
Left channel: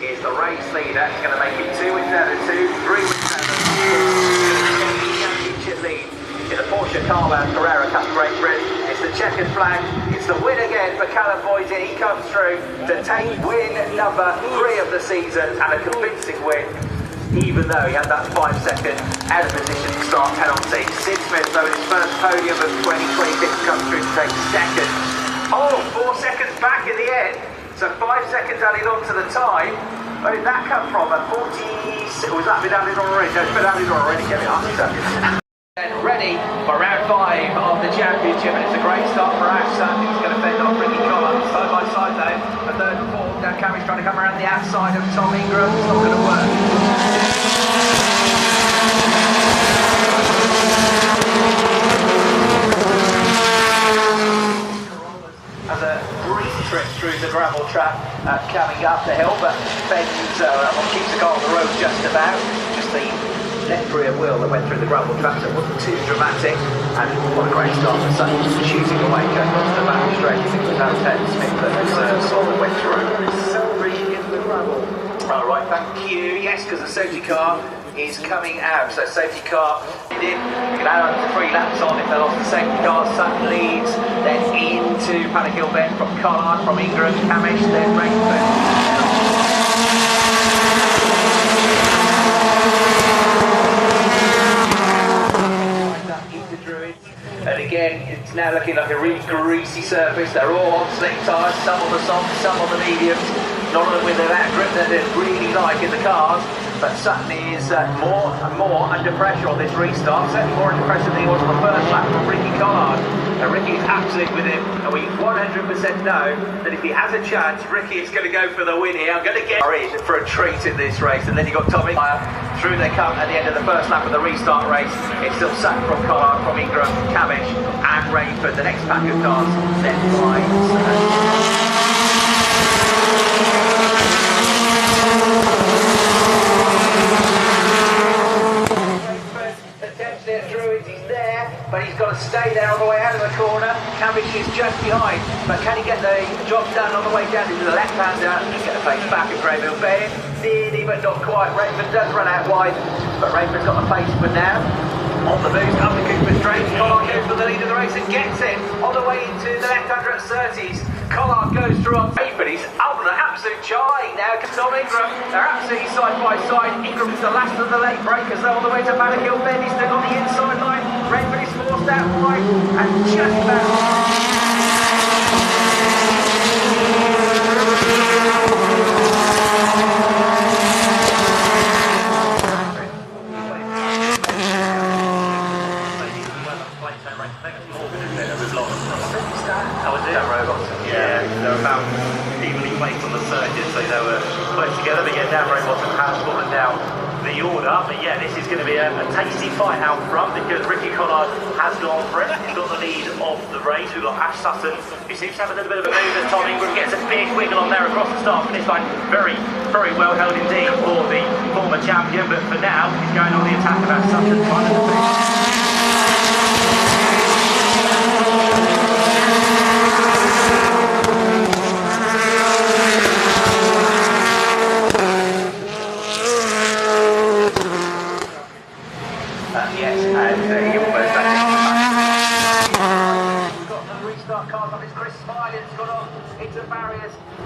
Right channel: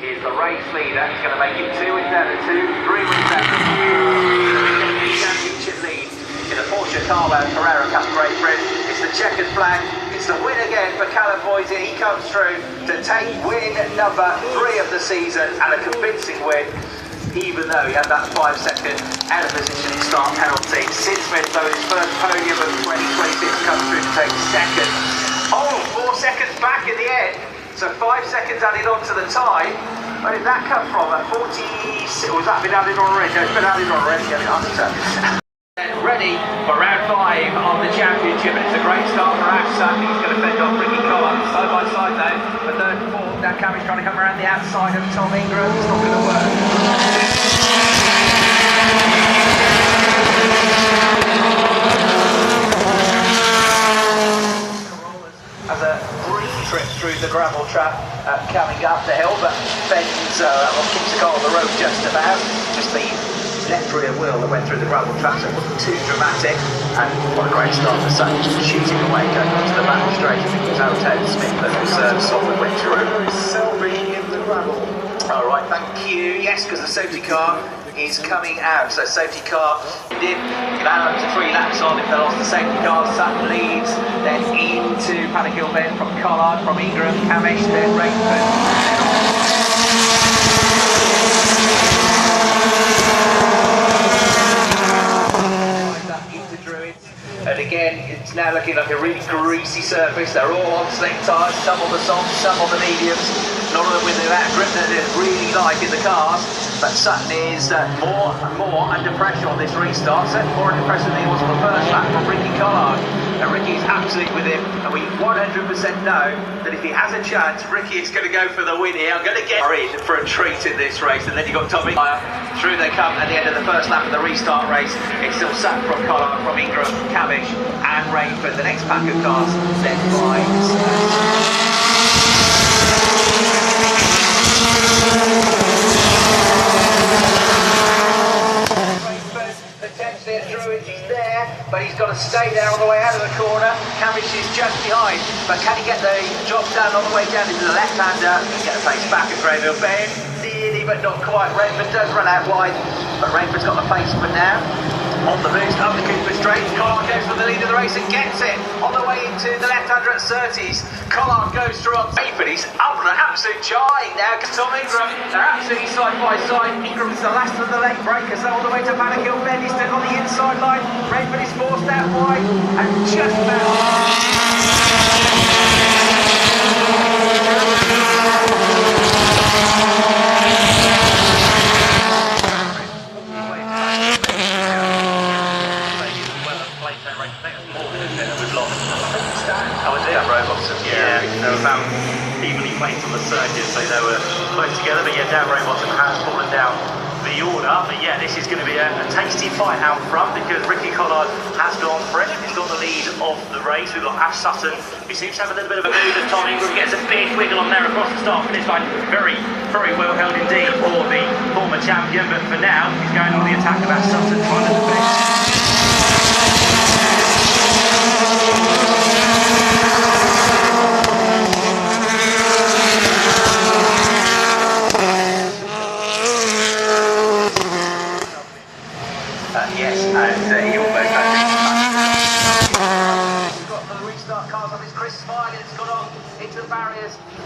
Is the race leader, he's going to make it 2 wins out of 2, 3 wins out of 2. The championship lead in the Porsche Carwell Carrera Cup Great Britain. It's the checkered flag, it's the win again for Callum Boysen. He comes through to take win number 3 of the season, and a convincing win, even though he had that 5-second out of position start penalty. Sid Smith, though, in his first podium of 2026, comes through to take second. Oh, 4 seconds back in the end. So 5 seconds added on to the time. Where did that come from? At 40, was that been added on already? It's been added on already. And ready for round 5 of the championship. And it's a great start for Afsa. He's going to fend off Ricky Collard side by side now. A third and fourth. Now Cammy's trying to come around the outside of Tom Ingram. It's not going to work. Trips through the gravel trap coming up the hill, but bends keeps the car on the road just about. Just the left rear wheel that went through the gravel trap, so it wasn't too dramatic. And what a great start for Sage, shooting away just the back straight. Áron Taylor Smith, but it's solid went through. Selby in the gravel. All right, thank you. Yes, because the safety car is coming out. So safety car did balance 3 laps on it, fell off the safety car. Sutton leads, then into Paddock Hill Bend from Collard, from Ingram, Camish, then Rainford. And again, it's now looking like a really greasy surface. They're all on slick tyres, some on the softs, some on the mediums. None of them with that grip that they're really light in the cars. But Sutton is more and more under pressure on this restart. Certainly more impressive than he was on the first lap from Ricky Collard. And Ricky's absolutely with it. And we 100% know that if he has a chance, Ricky is going to go for the win here. I'm going to get in for a treat in this race. And then you've got Tommy through they come at the end of the first lap of the restart race. It's still Sutton from Collard, from Ingram, Camish and Rainford. The next pack of cars then finds. But he's got to stay there on the way out of the corner. Cavendish is just behind, but can he get the job done on the way down into the left-hander? He can get the pace back at Grayville Bay. Nearly, but not quite. Rainford does run out wide, but Rainford's got the pace for now. On the boost, only Cooper straight. Collard goes for the lead of the race and gets it on the way into the left-hander at Surtees. Collard goes through on Rainford. He's out on an absolute charge now. Tom Ingram, they're absolutely side by side. Ingram's the last of the late breakers, all the way to Managill Bend. He's still on the inside line. Rainford is forced out wide and just about. Evenly placed on the circuit, so they were close together. But yeah, Danbury Watson has fallen down the order. But yeah, this is going to be a tasty fight out front because Ricky Collard has gone for it. He's got the lead of the race. We've got Ash Sutton, who seems to have a little bit of a move as Tom Ingram gets a big wiggle on there across the start finish line. Very, very well held indeed for the former champion. But for now, he's going on the attack of Ash Sutton.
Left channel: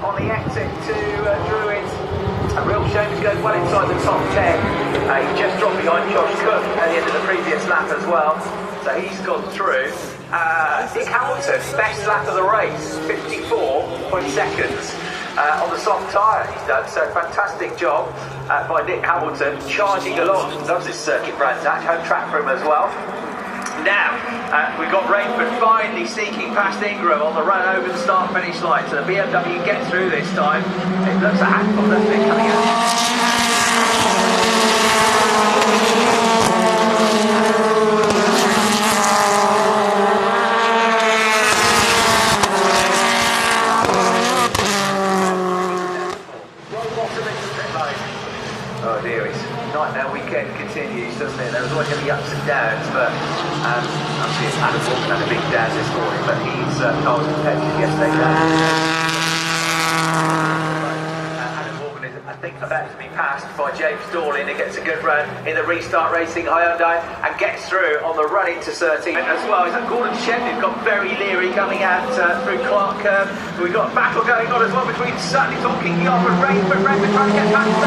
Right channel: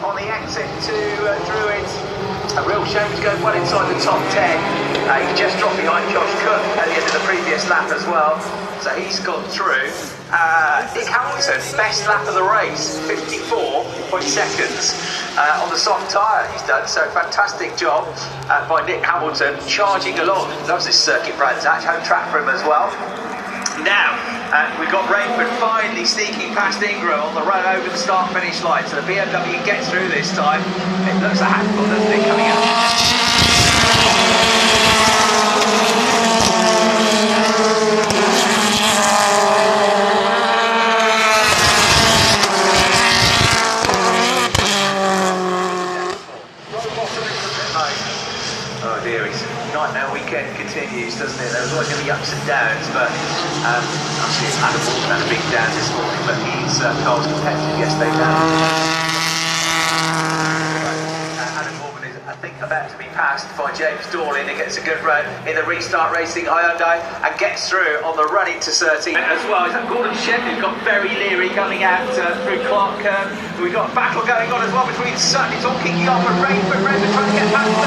On the exit to Druids. A real shame to go well inside the top 10. He just dropped behind Josh Cook at the end of the previous lap as well. So he's gone through. Nick Hamilton, best lap of the race, 54.0 seconds on the soft tyre he's done. So fantastic job by Nick Hamilton, charging along. Loves this circuit, Brands Hatch, home track for him as well. Now, we've got Rainford finally sneaking past Ingram on the run over the start-finish line. So the BMW gets through this time. It looks a handful, doesn't it, coming out. Oh dear, it's nightmare weekend continues, doesn't it? There's always going to be ups and downs, but obviously it's Adam Morgan had a big down this morning, but he's Carl's competitive yesterday down. Adam Morgan is, I think, about to be passed by James Dorling and gets a good run in the Restart Racing Hyundai and gets through on the run into Surtees. As well as Gordon Shen, who's got very leery coming out through Clark Curve. We've got a battle going on as well between Sutton. It's all kicking off and Rainford trying to get past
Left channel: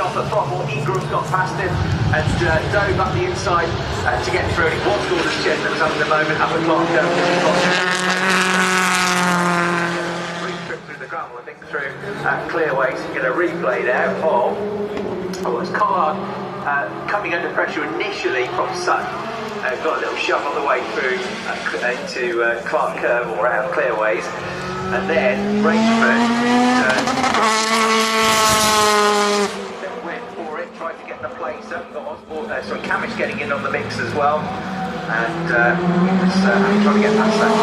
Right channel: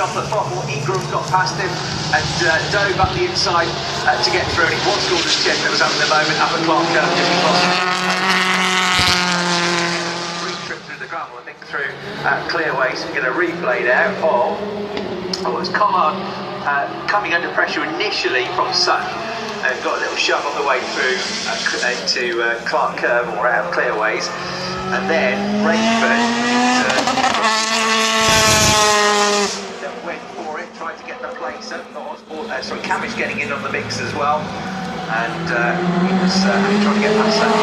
off the throttle. Ingram got past him and dove up the inside to get through. And it was Gordon Shen that was having the moment up at Clark Curve just across. 3 trips through the gravel, I think, through clearways. So we're going to replay now of it's Collard coming under pressure initially from Sutton. Got a little shove on the way through into Clark Curve or out clearways, and then Rainford tried to get the place so Cavish getting in on the mix as well, and he was trying to get that problem.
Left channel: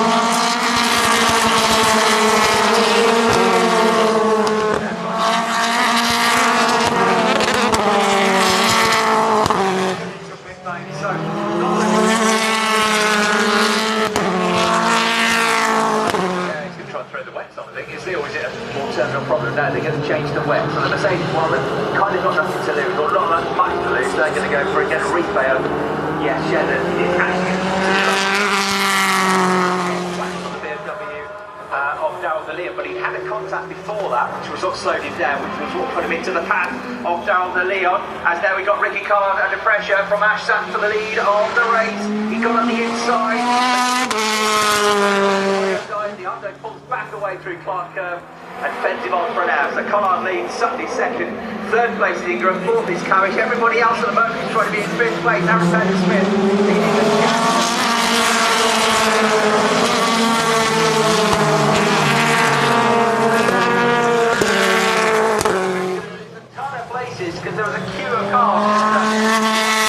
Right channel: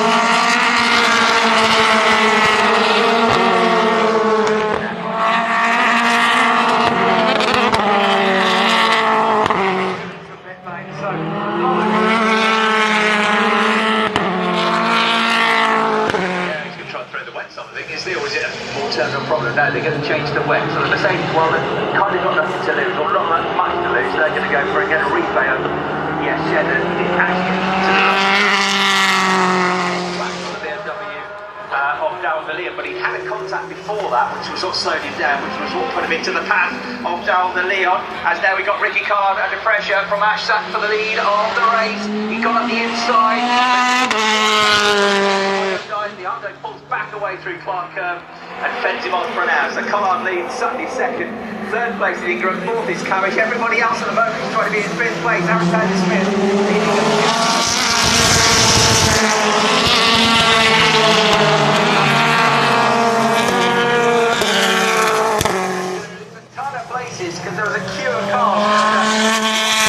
No, they're going to change the wet. So Mercedes, well, they've kind of got nothing to lose, or not much to lose, they're going to go for it, get a replay over. Yes, Shannon, it can back on the BMW of Darryl De Leon, but he'd had a contact before that, which was what slowed him down, which was what put him into the path of Darryl De Leon. And now we got Ricky Collard under pressure from Ash Sutton for the lead of the race. He got on the inside. The under pulls back away through Clark Curve and fends him on for an hour. So Collard leads, Sutton is second, third place is Ingram, fourth is Cavish. Everybody else at the moment is trying to be in fifth place. Áron Taylor Smith. Places because there was a queue of cars.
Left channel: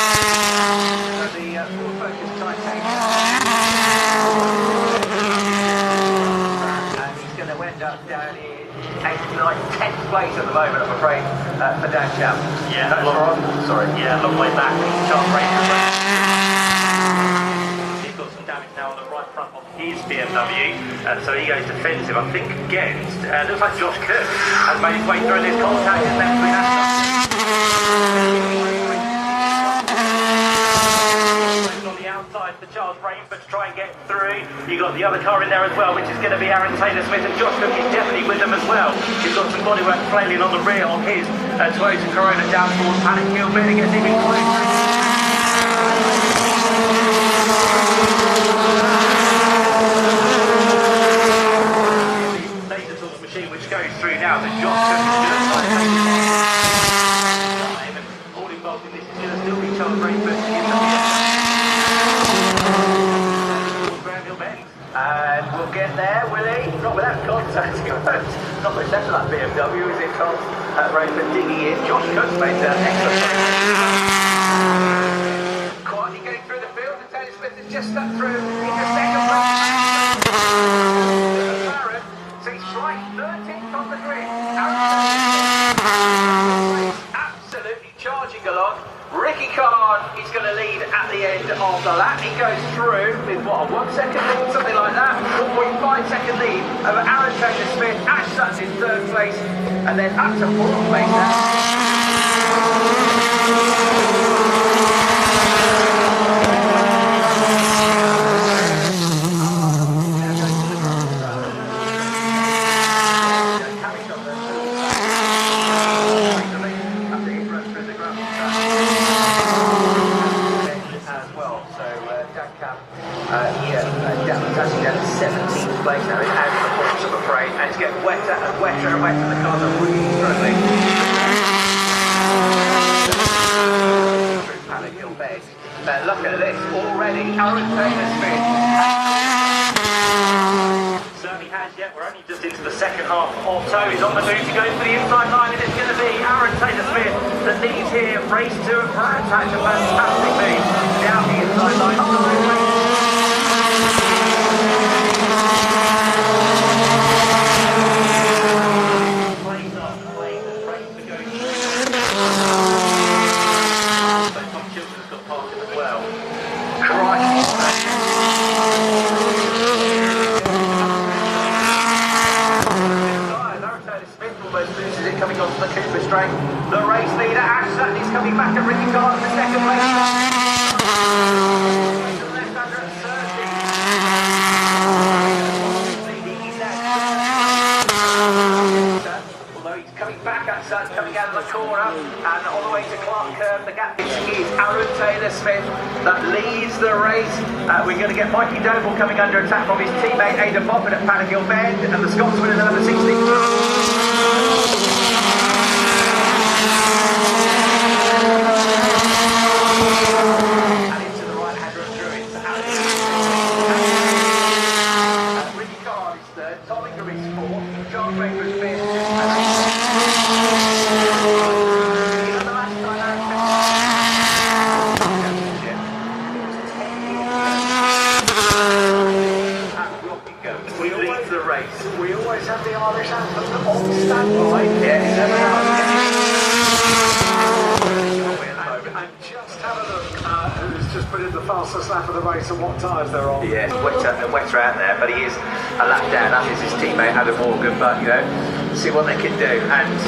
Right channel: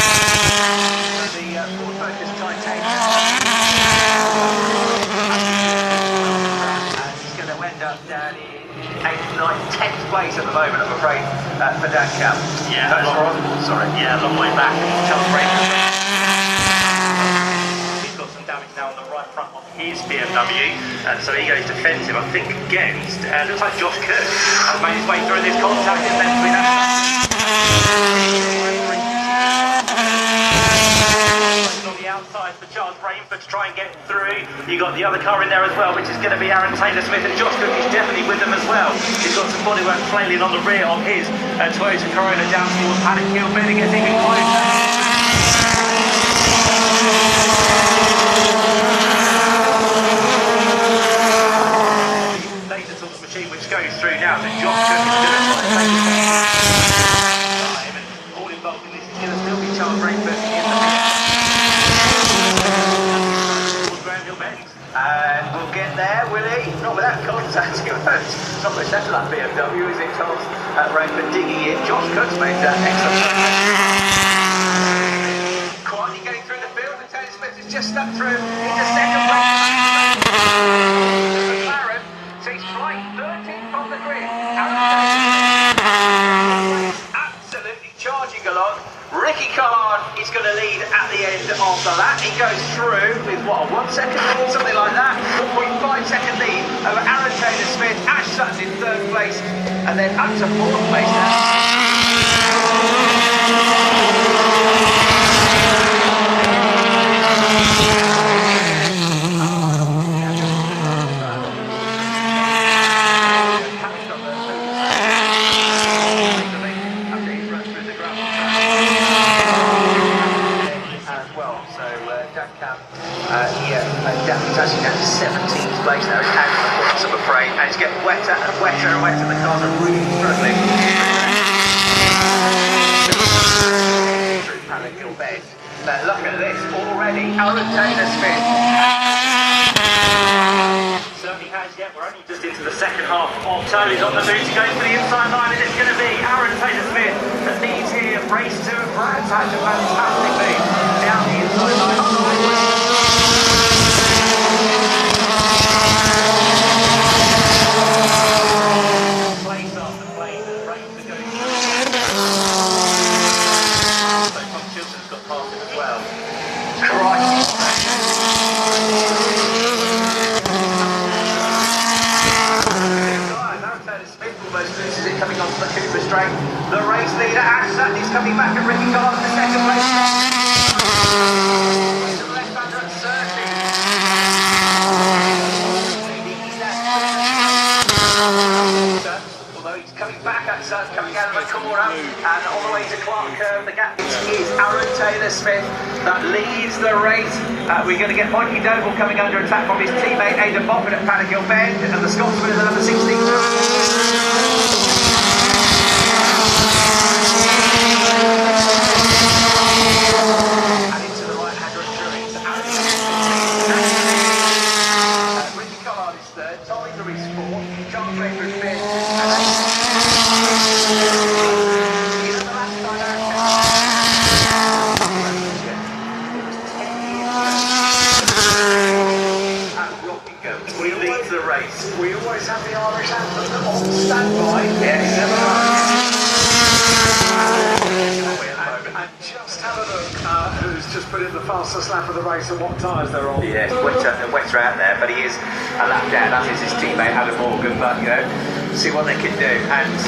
for Dan Cap. Yeah, a long way back. He's got some damage now on the right front of his BMW, and so he goes defensive, I think, against, looks like Josh Cook has made his way through this contact and then on the outside for Charles Rainford to try and get through. You got the other car in there as well, which is going to be Áron Taylor Smith, and Josh Cook is definitely with them as well. He's got some bodywork flailing on the rear of his Toyota Corolla down towards Paddock Hill, but it gets even which goes through now, but Josh Cook is all involved in this. There'll still be Charles Rainford and we'll get there, will he? Not without contacting him. It's not much left of that BMW, is it, Charles? Rainford digging in. Josh Cook's made that excellent progress. Quietly getting through the field, and Taylor Smith has just stepped through into second place. So he's right 13th on the grid. Absolutely charging along. Ricky Collard is going to lead at the end of the lap. He goes through with, what, a 1 second lead, something like that. For a 5 second lead over Áron Taylor Smith. Ash Sutton's in 3rd place, and then up to 4th place now. He's actually down to 17th place now. He's out of the points, I'm afraid, and it's getting wetter and wetter and wetter. The cars are really struggling. Through Paddock Hill bed. Now look at this already. Áron Taylor Smith certainly has yet. We're only just into the second half of tow. He's on the move to go for the inside line, and it's going to be Áron Taylor Smith that leads here. Race 2 of Brands Hatch, a fantastic lead down the inside line of the highway. Coming on to the tip of the straight. The race leader, Ash Sutton, is coming back and Ricky Collard in 2nd place. Left under at 30. Although he's coming back at Sutton, coming out of the corner, and all the way to Clark Curve, the gap is Áron Taylor Smith that leads the race. We're going to get Mikey Doble coming under attack from his teammate Aidan Moffat at Paddock Hill Bend, and the Scotsman at number 16. We always have the Irish anthem on standby. Yes, never know. And just have a look who's just put in the fastest lap of the race and what tyres they're on. Yeah, wetter out there, but he is a lap down, as is his teammate Adam Morgan. But, you know, see what they can do. And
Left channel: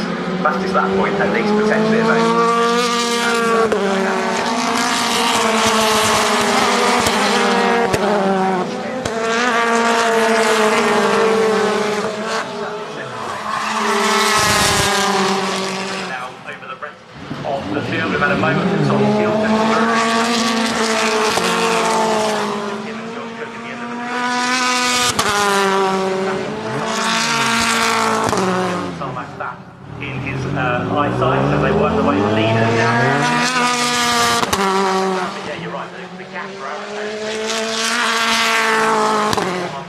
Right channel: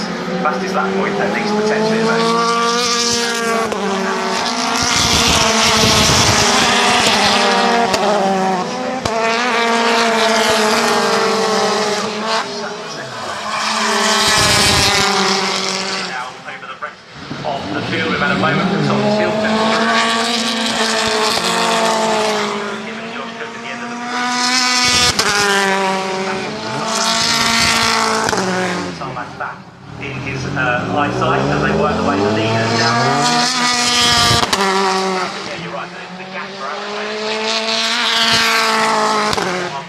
fastest lap point, at least potentially amazing. Of the field, we've had a moment for Tom Tilton. Tarmac back in his eyesight as they work the way to lead now. Yeah, you're right, the gaps are out.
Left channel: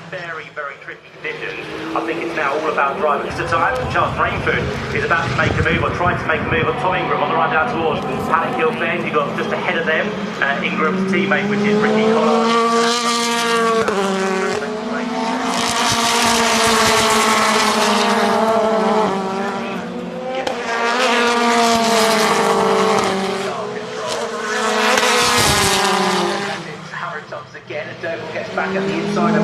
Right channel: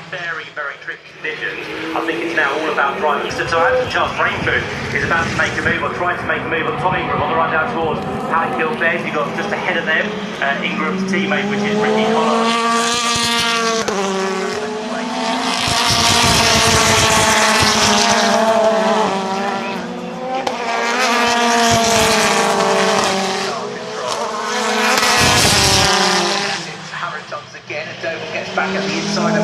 Very, very tricky conditions. I think it's now all about driving. So Charles Rainford is about to make a move, or trying to make a move on Tom Ingram on the run down towards Paddock Hill Bend. You've got just ahead of them Ingram's teammate, which is Ricky Collard. back at the inside of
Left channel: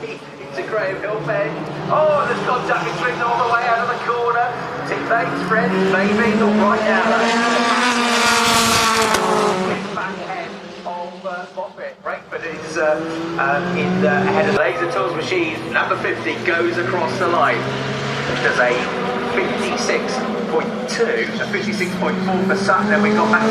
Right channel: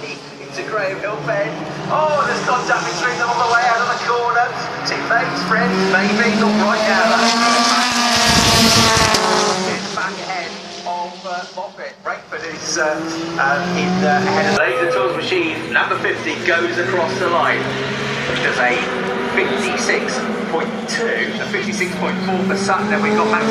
the into Graham Hill bend. Oh, there's contact between them on the way out of the corner. Teammates, friends, maybe, not right now though. It's back ahead of Moffat. Rakeford is ahead of the Tools Machine. Number 50 goes across the line. There's a 56.2, a 56.4 for Sutton, and we've got Max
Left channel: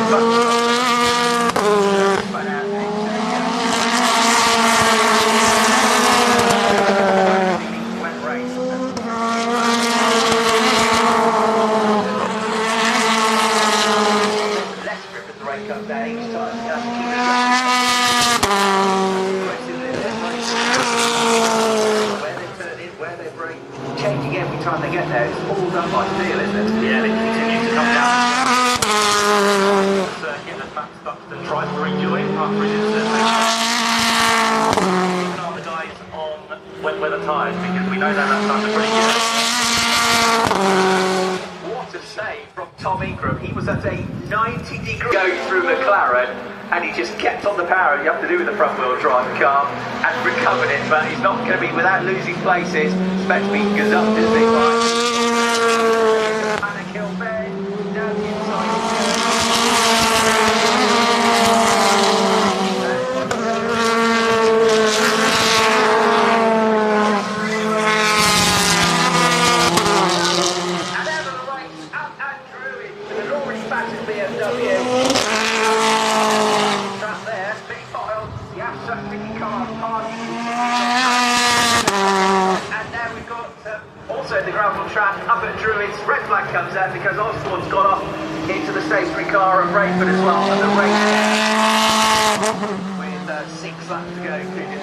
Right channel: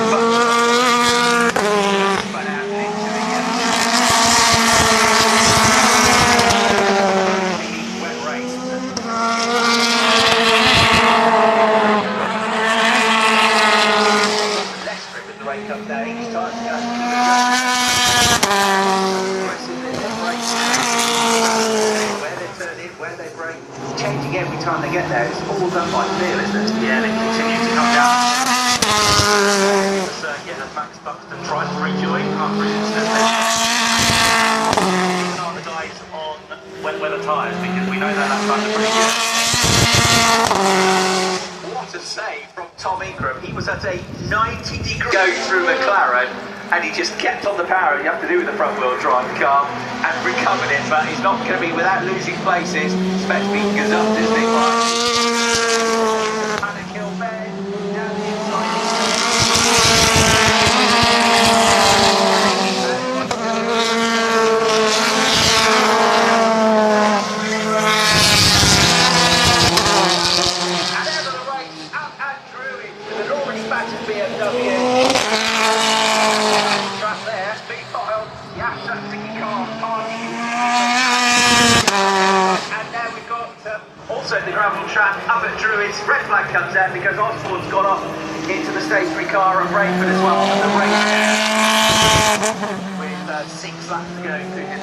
changing every time they get there. It's all done by feel, isn't it? Yeah, they continue to come down. Yeah, the fact Buxton tries to rejoin after capitalize on wet weather tyres because we know that that's pretty good. What a save from Tom Ingram. He was at a 90-degree go through McLaren and he just kept on the power you have to do with the front wheel drive car and recovered it, but he's not going to be without losing places. Expect me to gazumped, isn't he? Also the gravel track up at Druids, red flag comes out because Osborne's got off into the stationary car at Rakeford as well. With 6 laps to go through this.